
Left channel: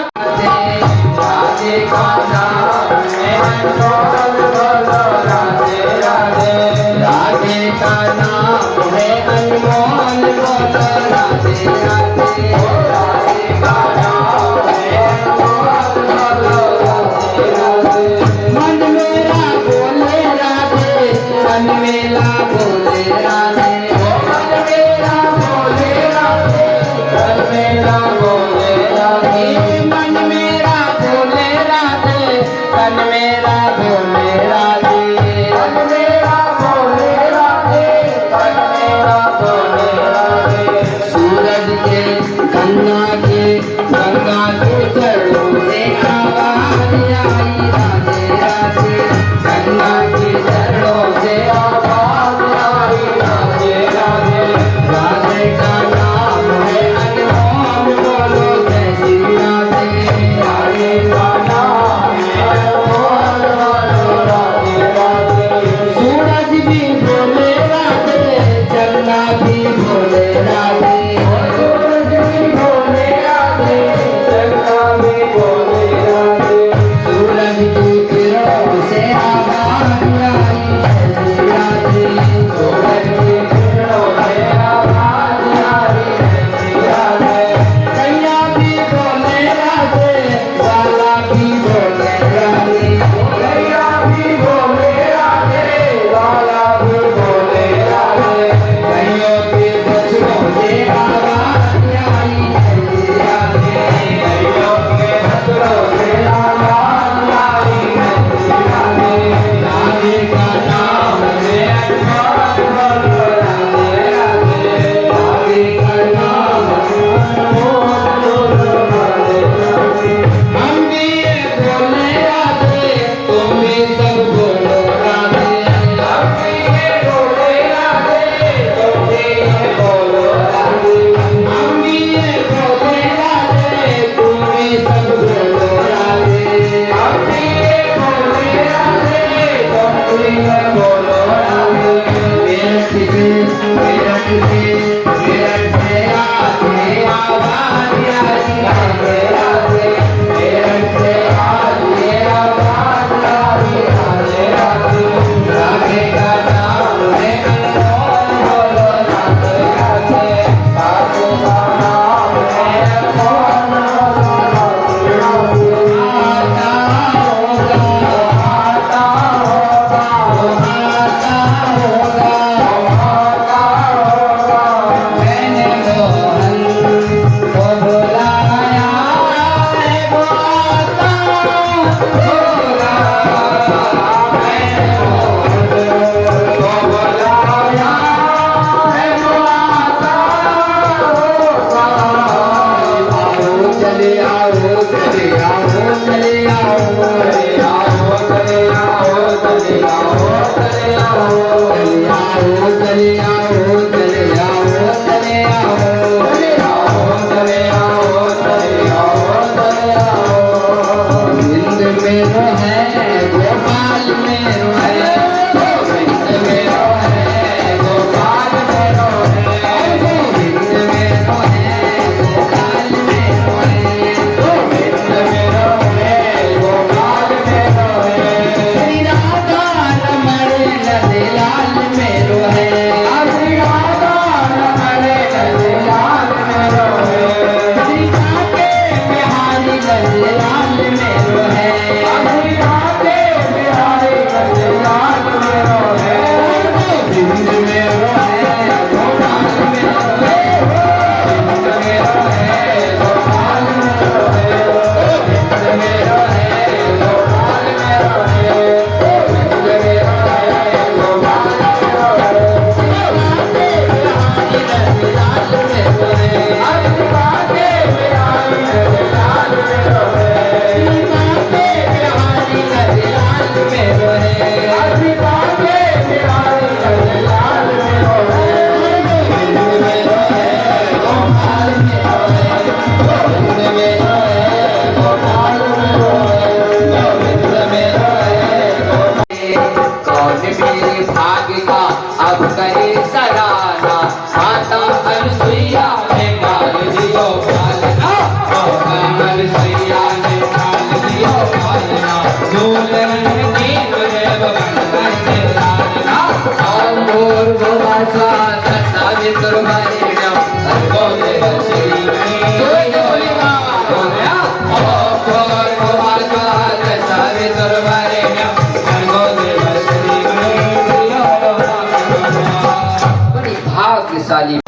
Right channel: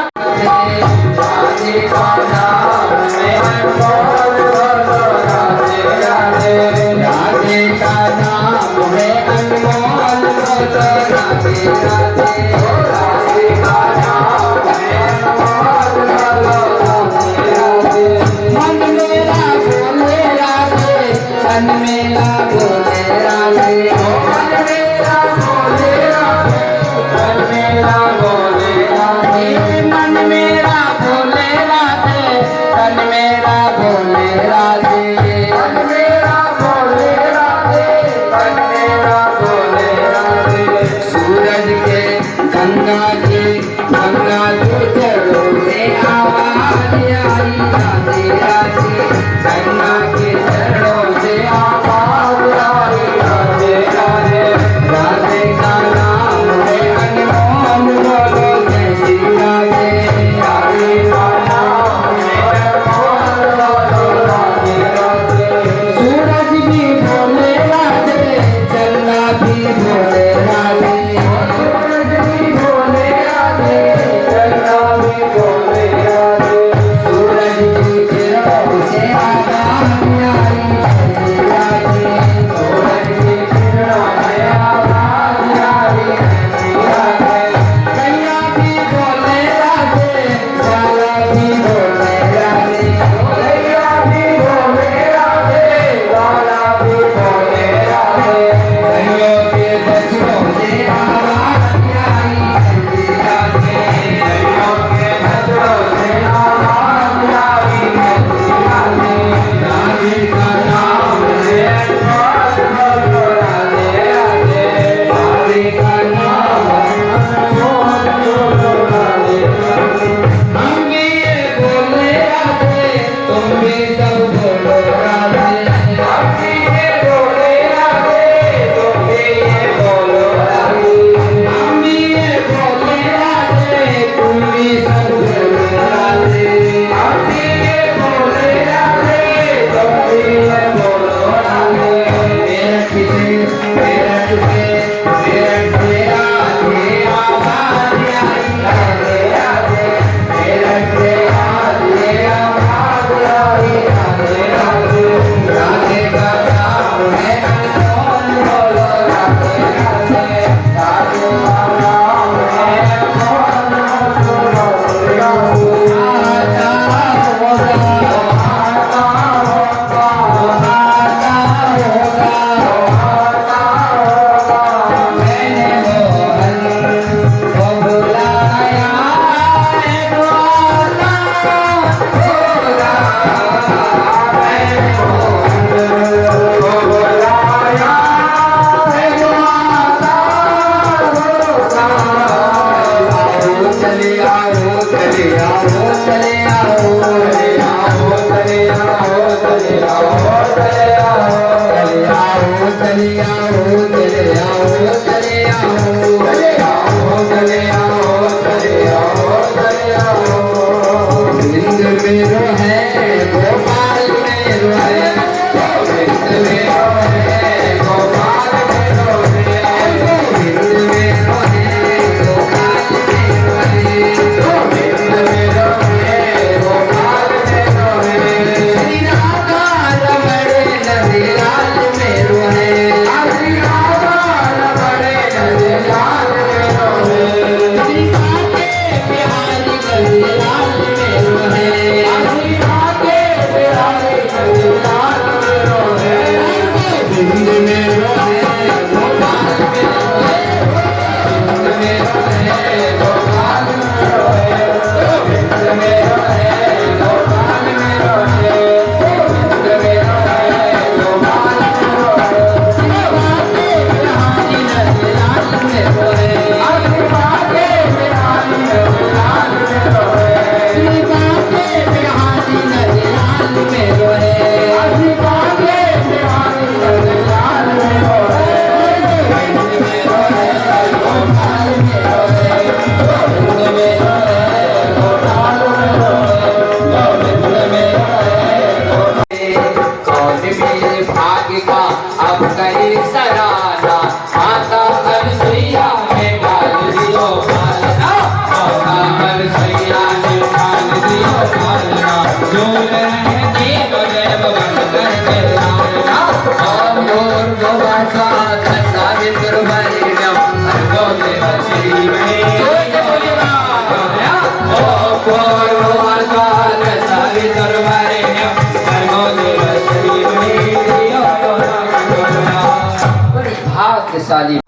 बड़ी भाग्यशाली।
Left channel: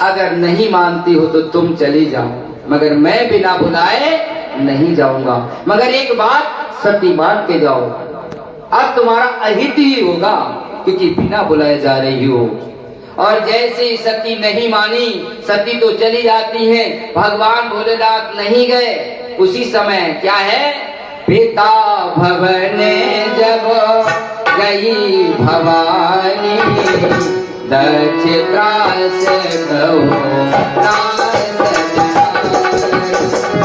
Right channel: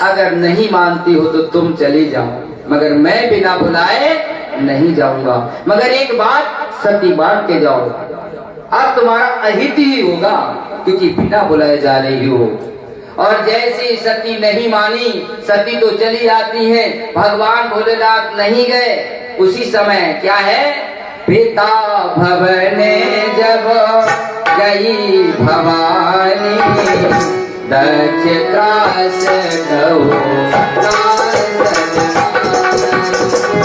अगर नहीं मानती हो तो तुम चली जाओ, मगर मैं बिना बुलाए नहीं जाऊंगा। मगर एक बात सती मान के जाओ, अब तुम्हारा अहित ही होगा, क्योंकि बिना बुलाए जा रही हो। और जैसे ही सती नहीं मानी, सती तो चली जाती है, भगवान भोलेनाथ नहीं गए। उसी समय क्या है, पिता भवने जब गई भवानी, दक्ष त्रास कहो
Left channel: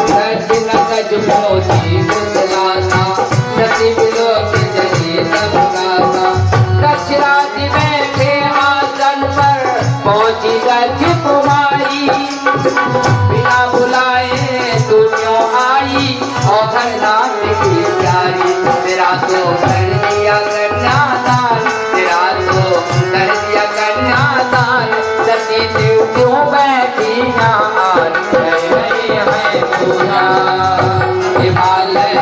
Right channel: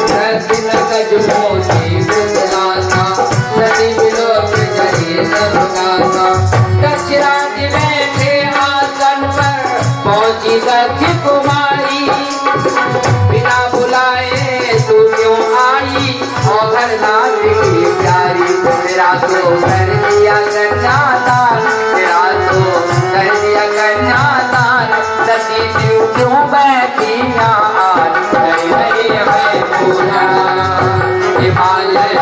दक्षिण कज मोती दुर्गासा, सती विलोक जले सब गासा। दक्षिणादि में थे आसन पर पहुंची दक्ष कुमारी, बिना बुलाए तू क्यों आई, औघर नाथ की प्यारी। तेरा तो कर दिया कन्यादान, तेरा तो कर दिया कन्यादान, सती देव क्यों बैठी यहाँ है पूरा हिमालय।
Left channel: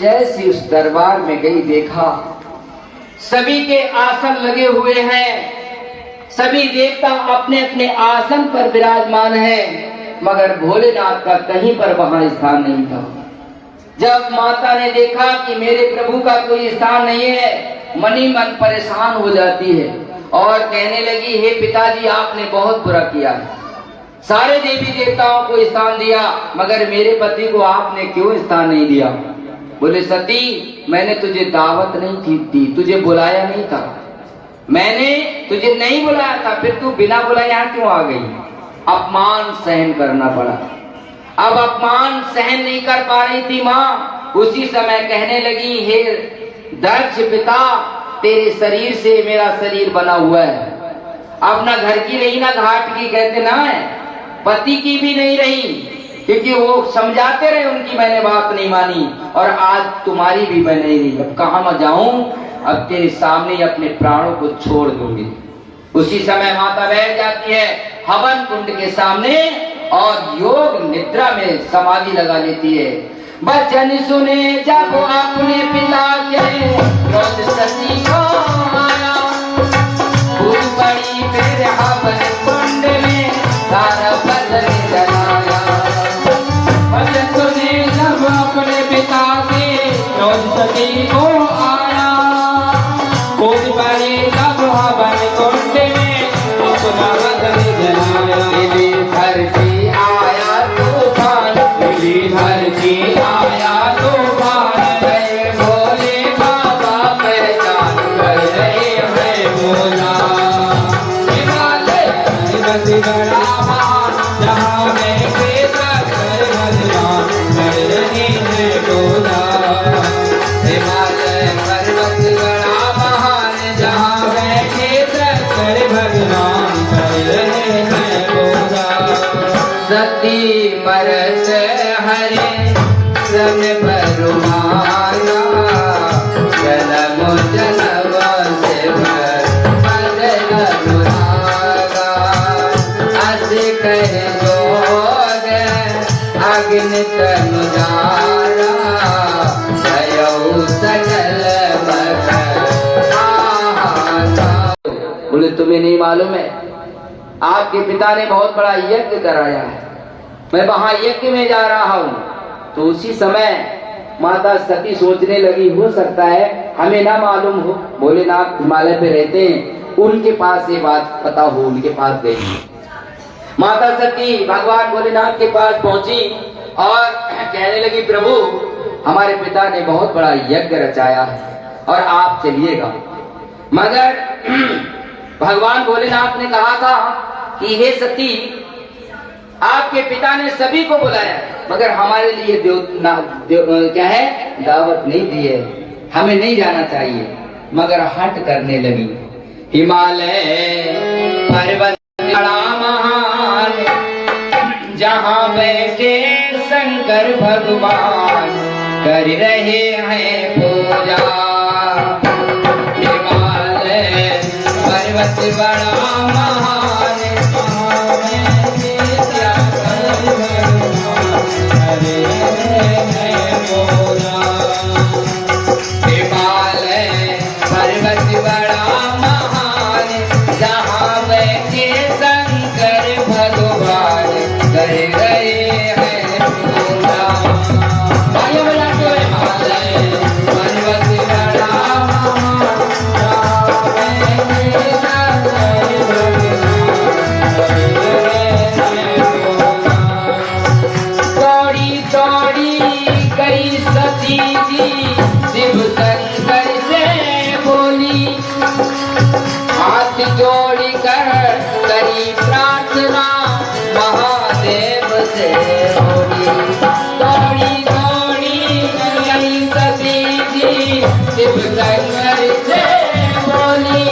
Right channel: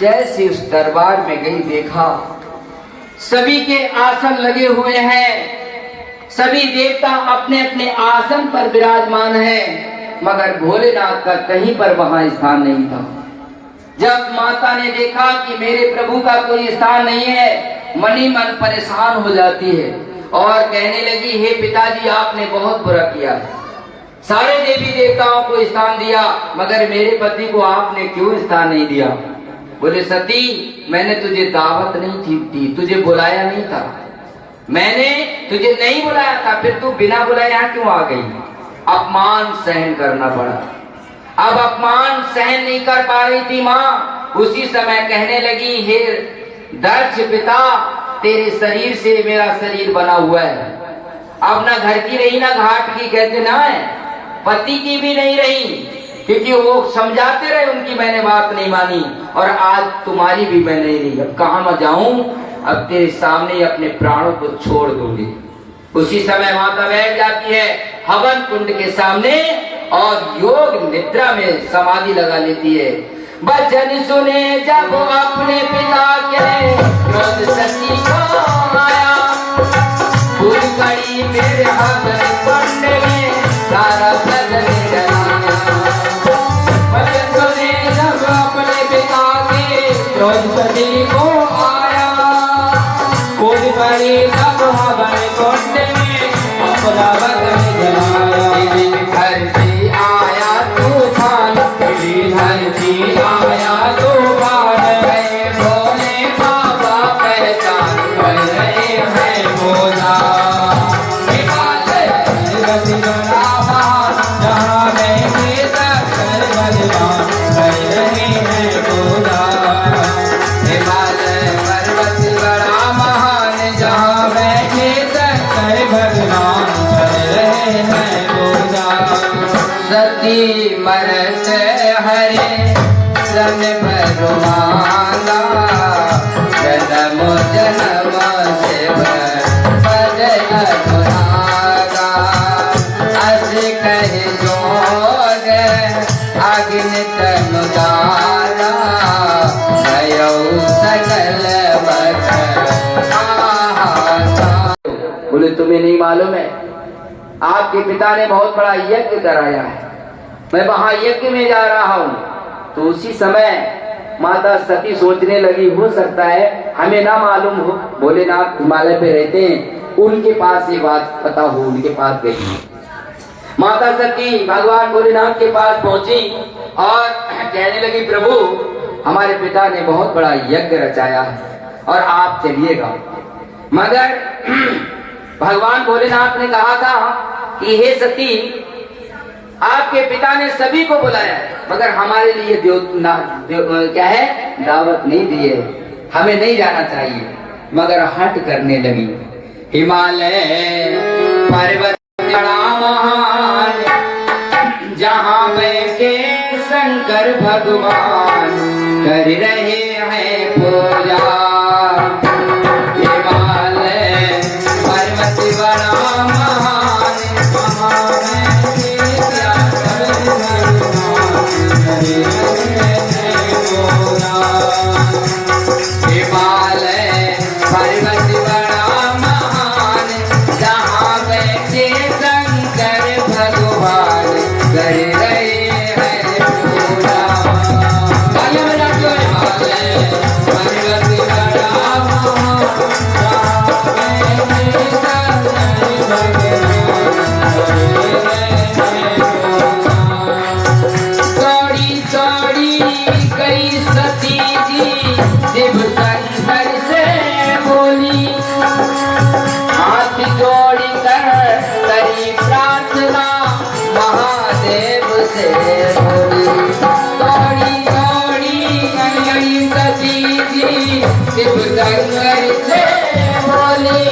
जैसे उस दरबार में गई, देखा सभी के आसन लगे हुए हैं, सभी देवता अपने अपने आसन पर विराजमान हैं, मगर भोलेनाथ का कहीं पर वहां स्थान नहीं था। जब माता ने देखा कि मेरे प्रभु का कोई स्थान नहीं है, मनी मन परेशान हो जाती है और कहने लगी, हे पिताजी आपने बहुत बुरा किया है, सारे देवी देवताओं को स्थान दिया, मगर मेरे पति को आपने क्यों स्थान नहीं दिया। बोले, सती मैंने तुझे दावत नहीं दी, तुझे बुलाया नहीं था, मैंने तुझे नहीं बुलाया था, फिर तू बिना बुलाए यहाँ क्यों आ गई। अपमान सहन करना पड़ा। अब अपमान सहन नहीं कर पा रही थी माँ, उसी समय कहने लगी, हे दक्ष पिता, तेरे शरीर से मेरा शरीर बना हुआ है, अब ना घर की रही ना घाट की, कहते ना है, पति की भी नहीं रही, क्योंकि वो समझाते रहे, उनकी मैंने बात नहीं मानी, और आज तुम्हारी भी मैं नहीं रही। अब कहाँ मैं जाऊं, अब तेरे सामने अपने प्राणों को छोड़ दूंगी। उसी समय माता बैठ जाती है हवन कुंड के सामने और योग निद्रा में समाधि लगा लेती है। बचन सुने जब अपने पिता के, क्रोध सती को आया, भूल पड़ी मेरे हवन कुंड में, सारा बदन जलाया। बचन सुने जब अपने पिता के, क्रोध सती को आया, भूल पड़ी जब हवन कुंड में, अपना बदन जलाया। धरती आया तूफान, धरती आया तूफान, भोले बाबा पहचान कर रहे हैं भोला। जहाँ बैठे तक भगवान कर रहे हैं भोला। हिमालय पर्वत बड़ा महान, जहाँ बैठे तक भगवान कर रहे हैं भोला। सती मरत हरे सन भगवाना, जन्म जन्म से बदल मुरादा। अस कह जोग अग्नि तनु दारा, गयौ सकल बोले, तुम्हें नहीं मालूम है, आपके पिता ने बहुत बड़ा यज्ञ कराया है, मैं वहां यज्ञ में जा रहा हूँ। तो उसी समय माता सती सोचने लगी, हो सकता है हमें ना मालूम हो, भोलेनाथ हिमालय पे रहते हैं, उनके पास ये बात पता हो, उनके पास गई। माता सती भगवान भोलेनाथ के पास पहुंची और कहने लगी, प्रभु हमारे पिता ने बहुत बड़ा यज्ञ रचाया है और आप चलिएगा। मगर भगवान भोलेनाथ ने कहा था कि हे सती, आपके पिता ने सभी को बुलाया, मगर हमारे लिए क्या है, दावत नहीं दी है। हमें नहीं जाना चाहिए, मगर हट करने लगी। हिमालय पर्वत बड़ा महान, जहाँ बैठे शंकर भगवान कर रहे हैं पूजा। हिमालय पर्वत बड़ा महान, हिमालय पर्वत बड़ा महान, जहाँ बैठे शंकर भगवान कर रहे हैं पूजा। हिमालय पर्वत बड़ा महान, जहाँ बैठे शंकर भगवान कर रहे हैं पूजा। चौड़ी चौड़ी कई सती जी शिव शंकर से बोली, हाथ जोड़ी कर करी प्रार्थना महादेव से बोली। चौड़ी चौड़ी कई सती जी शिव शंकर से बोली,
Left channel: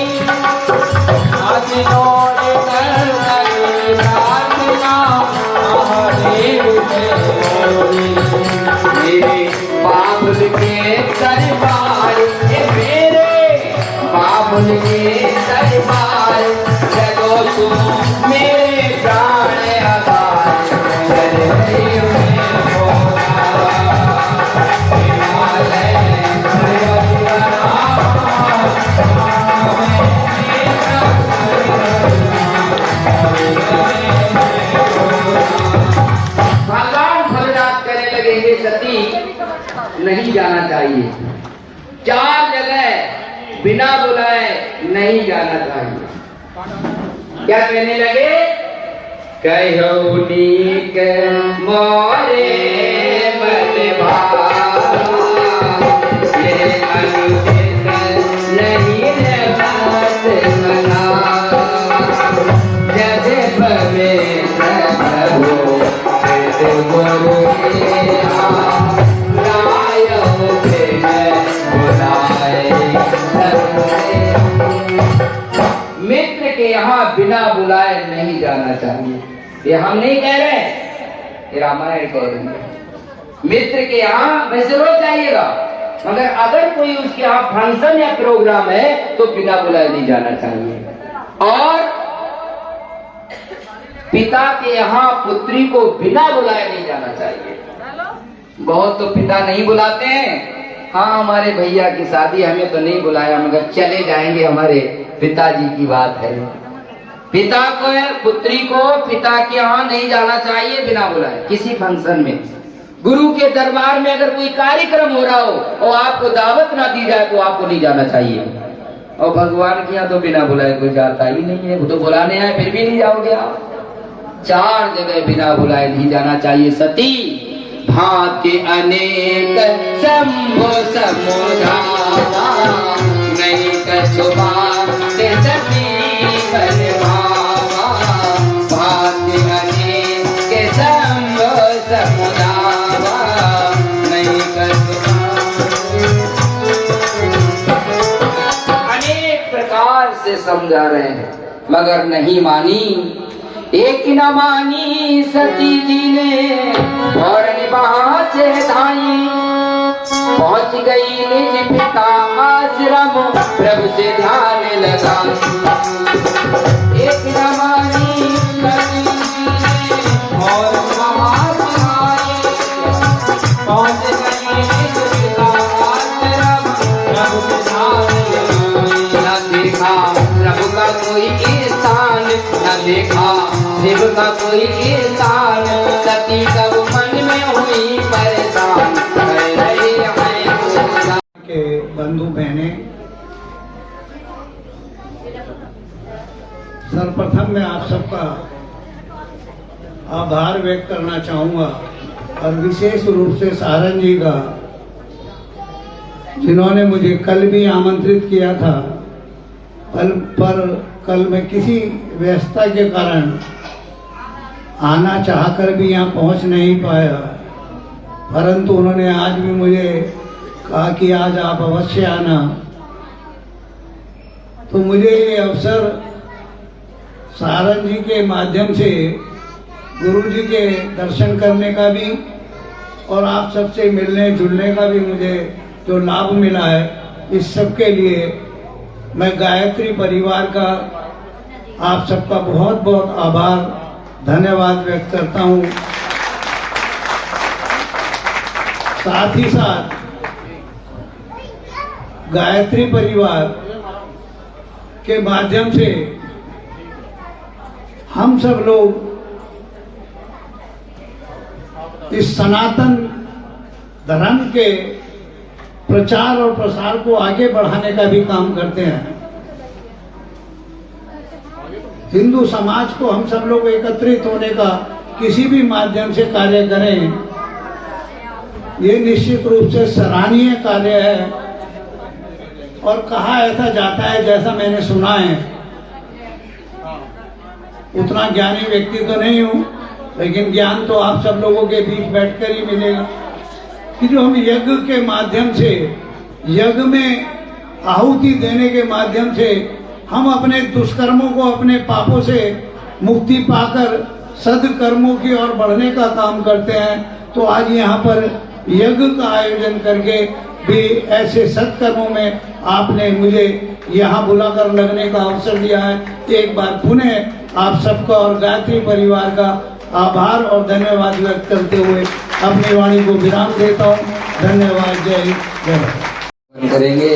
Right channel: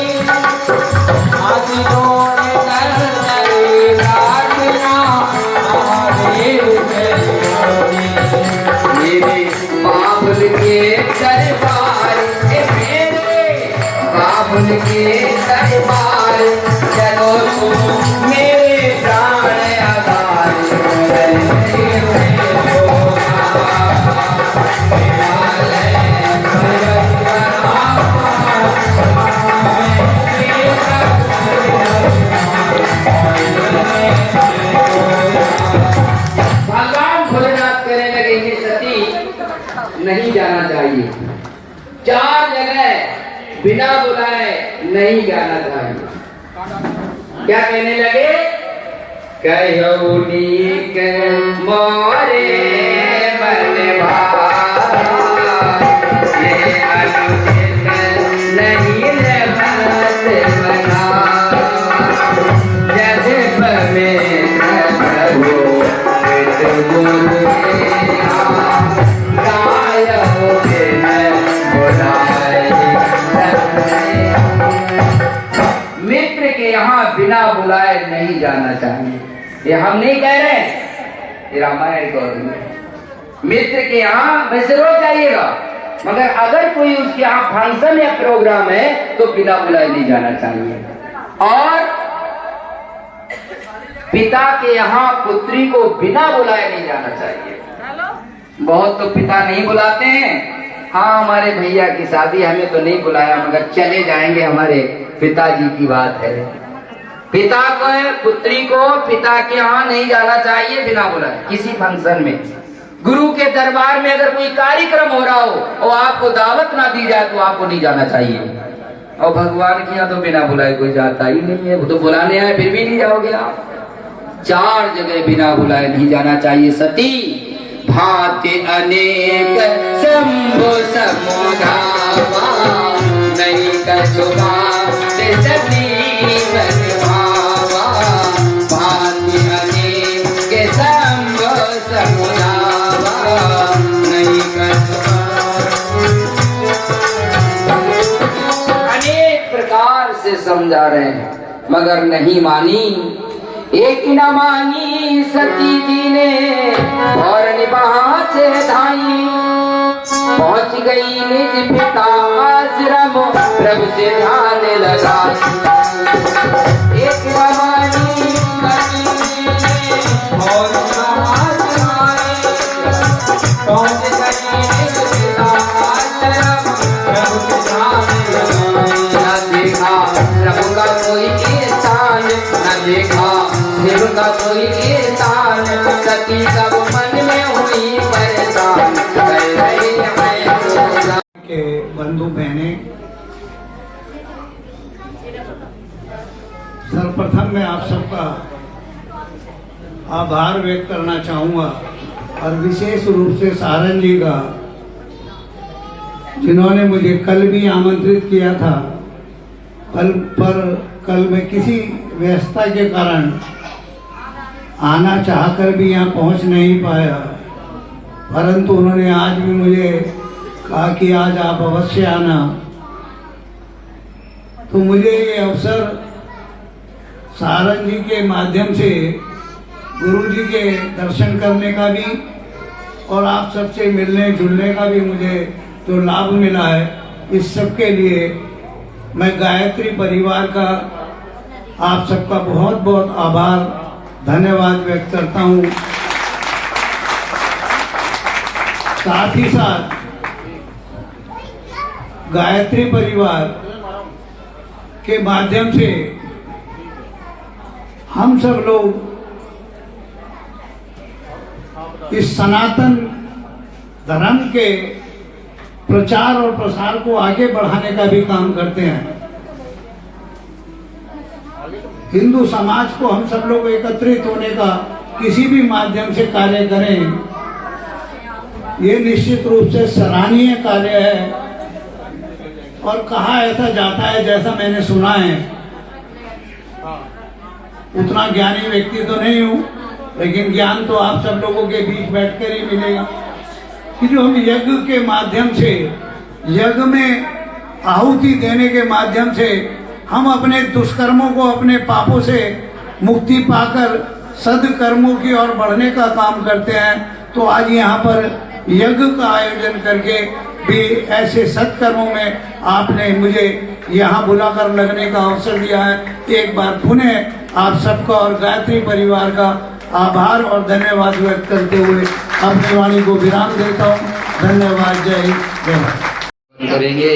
हाथ जोड़ कर करी प्रार्थना महादेव से बोली। मेरे बाबुल के दरबार, मेरे बाबुल के दरबार, चलो तुम मेरे प्राण आधार। भगवान भोजनाथ करने लगे, ये सती नहीं जाना चाहिए, 4 जगह बिना बुलाए नहीं जाना चाहिए। क्या कहने लगे, कहो नीक मोरे बलभार, ये अनुचित नहीं रहत बना, जैसे परमेश्वर प्रभु गुरु मित्र के यहाँ बिना बुलाए नहीं जाना चाहिए। ये हम नहीं कह रहे, ये रामायण को। मित्र के यहाँ वैसे रोज जाइएगा, मगर अगर कोई उसके यहाँ फंक्शन या प्रोग्राम है तो बिना बुलाए नहीं जाना चाहिए। और पिता के यहाँ पुत्री को बिना बुलाए नहीं जाना चाहिए। बहुत तो पिता नहीं बुलाते हैं, हाँ हमारे भैया की शादी हमें तो नहीं बुलाया, मगर चले जाएंगे, हमारे पिताजी की बात है। पिता को पुत्री को पिता के यहाँ नहीं जाना चाहिए बिना बुलाए किसी फंक्शन में। गुरु के दरबार में अगर कोई कार्यक्रम हो रहा हो और आपको दावत ना दी जाए तो आपको नहीं जाना चाहिए। और भगवान के यहाँ तो बिना बुलाए कोई जाता ही नहीं है, वो तो बुलाने आए फिर भी नहीं जाओगे आप। 4 जगह बिना बुलाए नहीं जाना चाहिए। सती भांति अनेक शंभु समुधावा, नहीं कसुमा सती परभावा, भांति अनेक शंभु समुधावा, नहीं कसुमा। अनेक प्रकार से समझा रहे हैं मगर नहीं मानी। एक न मानी सती जी ने और निभा से धाई, पहुंच गई निज पिता आश्रम प्रभु से ध्यान लगा। एक न मानी सती जी ने और निभा से धाई, पहुंच गई निज पिता आश्रम प्रभु से ध्यान लगा। न देखा प्रभु का कोई स्थान, न देखा शिव का कोई स्थान, सती सब मन में हुई परेशान, कर रहे हैं के बंधु बहने। सर्वप्रथम मैं आप सबका आभार व्यक्त करना चाहूंगा और विशेष रूप से सारन जी का, जिन्होंने मुझे कल भी आमंत्रित किया था, कल मैं किसी व्यस्तता के कारण आना चाहकर भी यहाँ पहुँच नहीं पाया, परंतु उन्होंने आज भी मुझे कहा कि आज आप अवश्य आना। तो मुझे ये अवसर सारंग जी के माध्यम से गुरु जी के दर्शन करने का भी और आप सबसे मिलने जुलने का भी मुझे जो लाभ मिला है, इस सब के लिए मैं गायत्री परिवार का आप सबका बहुत बहुत आभार धन्यवाद व्यक्त करता हूँ। साथ ही साथ गायत्री परिवार के माध्यम से हम सब लोग इस सनातन धर्म के प्रचार और प्रसार को आगे बढ़ाने का भी काम करते हैं। हिंदू समाज को हम सब लोग एकत्रित होने का किसी भी माध्यम से कार्य करें, ये निश्चित रूप से सराहनीय कार्य है। और कहा ऐसा जाता है, जैसा मैंने सुना है, उतना ज्ञानी व्यक्ति तो नहीं हूं, लेकिन ज्ञान तो आप सब लोगों के बीच बैठकर ही मिलेगा, कि जो हम यज्ञ के माध्यम से, यज्ञ में आहुति देने के माध्यम से हम अपने दुष्कर्मों को, अपने पापों से मुक्ति पाकर सदकर्मों की ओर बढ़ने का काम करते हैं। तो आज यहाँ पर यज्ञ का आयोजन करके भी ऐसे सत्कर्मों में आपने मुझे यहाँ बुलाकर लगने का अवसर दिया है। एक बार पुनः आप सबका और गायत्री परिवार का आभार और धन्यवाद व्यक्त करते हुए अपनी वाणी को विराम देता हूँ। धन्यवाद। जय हिंद, जय भारत। करेंगे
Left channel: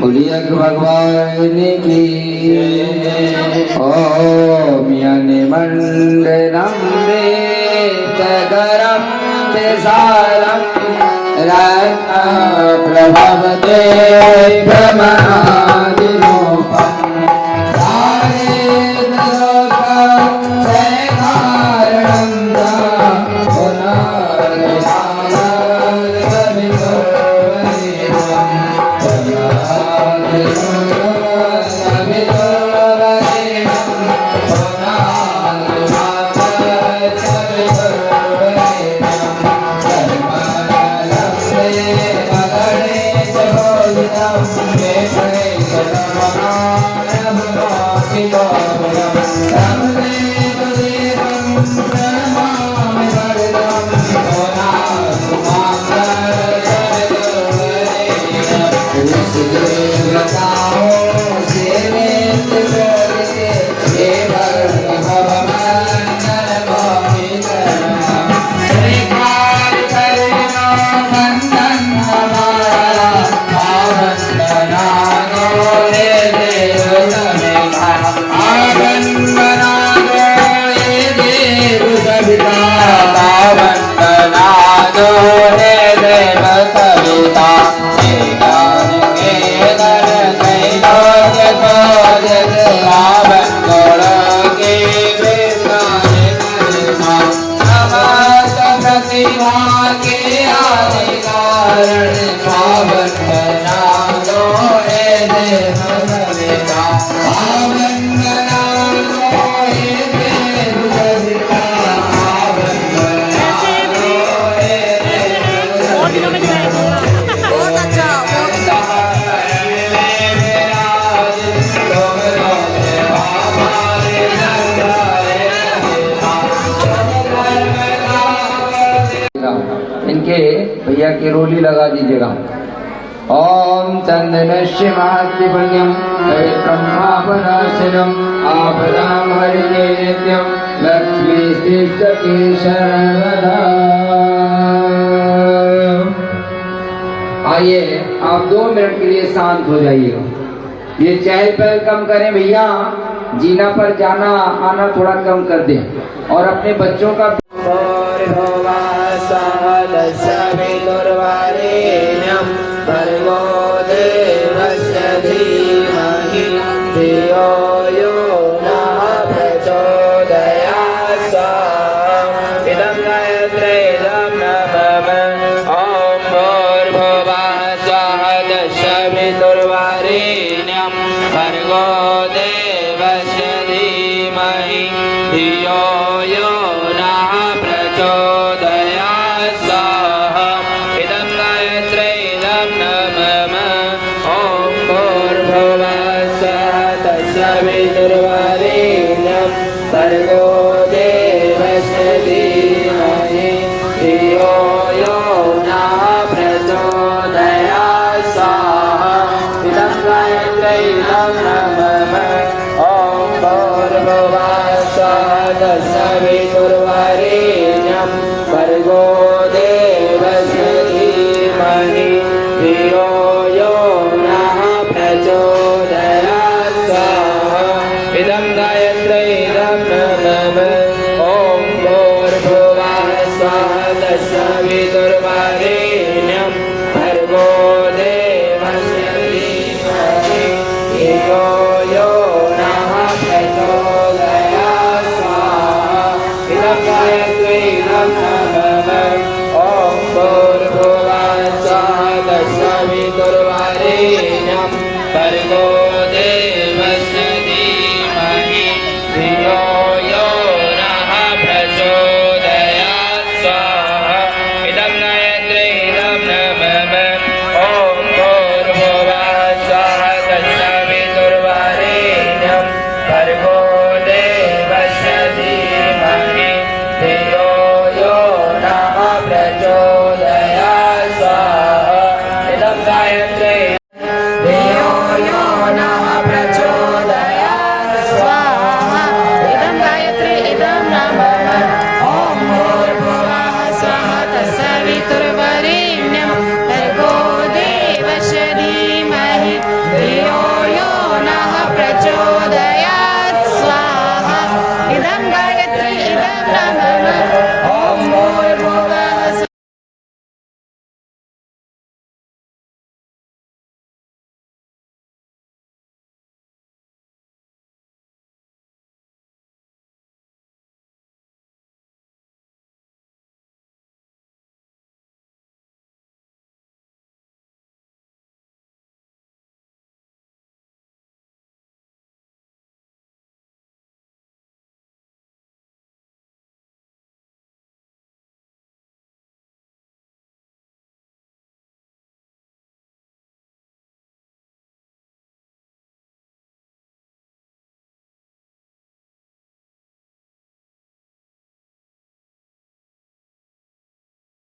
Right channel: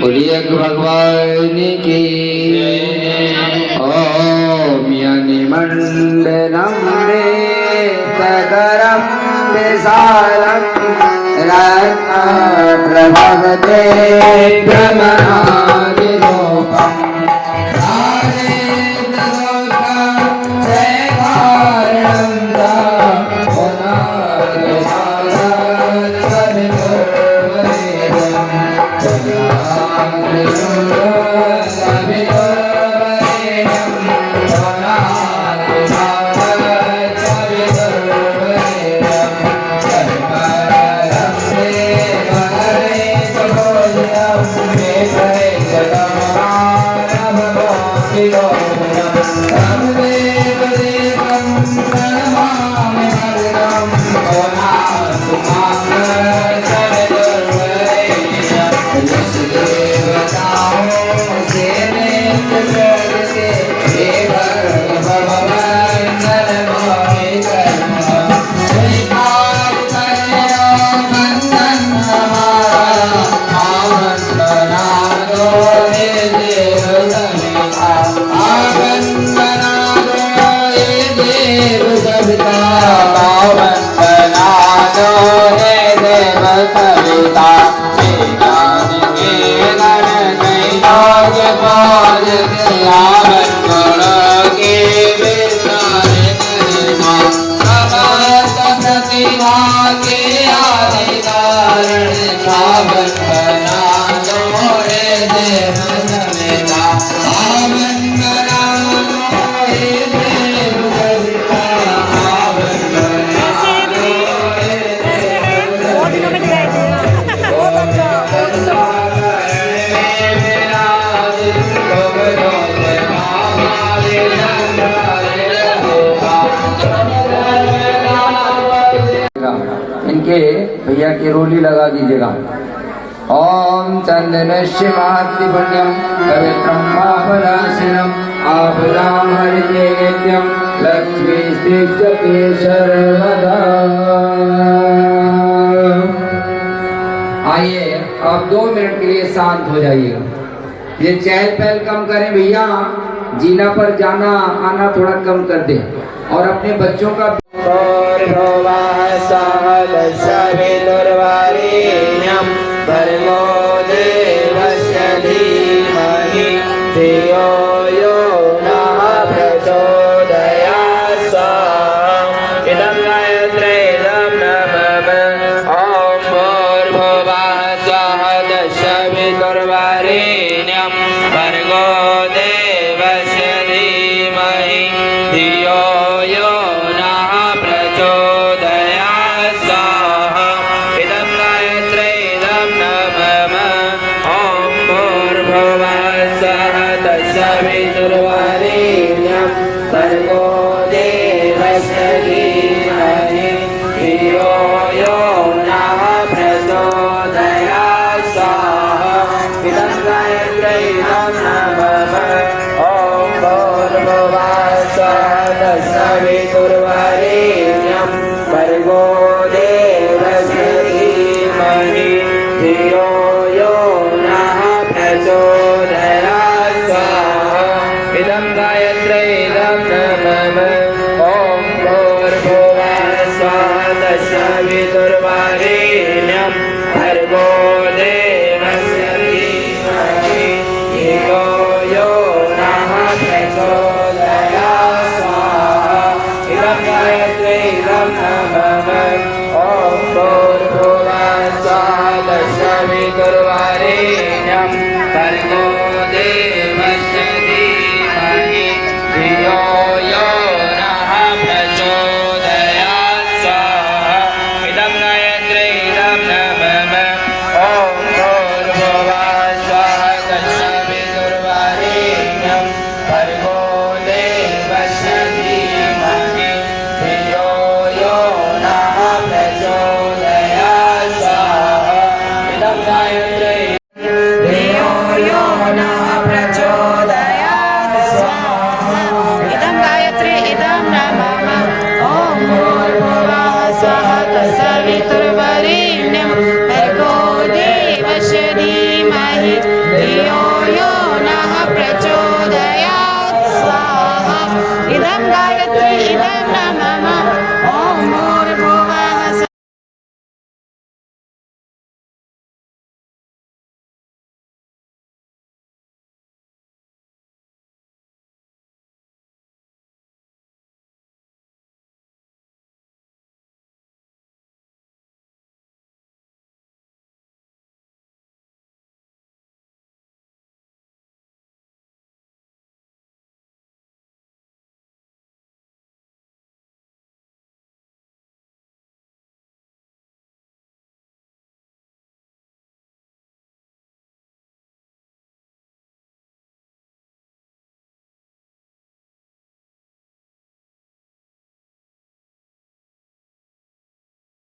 बोलिए भगवान की। ओम यानि मंडलम तदरम विशालम रत्न प्रभवते ब्रह्मणादि रूपम इनके भैया की रोली लगा दीजिएगा। ओम चंदनस्य महत्ति पुण्यम पवित्रम पापनाशनम आपदाम हरिते नित्यम लक्ष्मी स्थिष्टते सर्वदा। आइए आप 2 मिनट के लिए शांत हो जाइएगा। ये चहल पहल कम करें भैया, जीना पर जाना आना थोड़ा कम कर दें और अपने बच्चों का भर्गो देवस्य गायत्री नमः ओम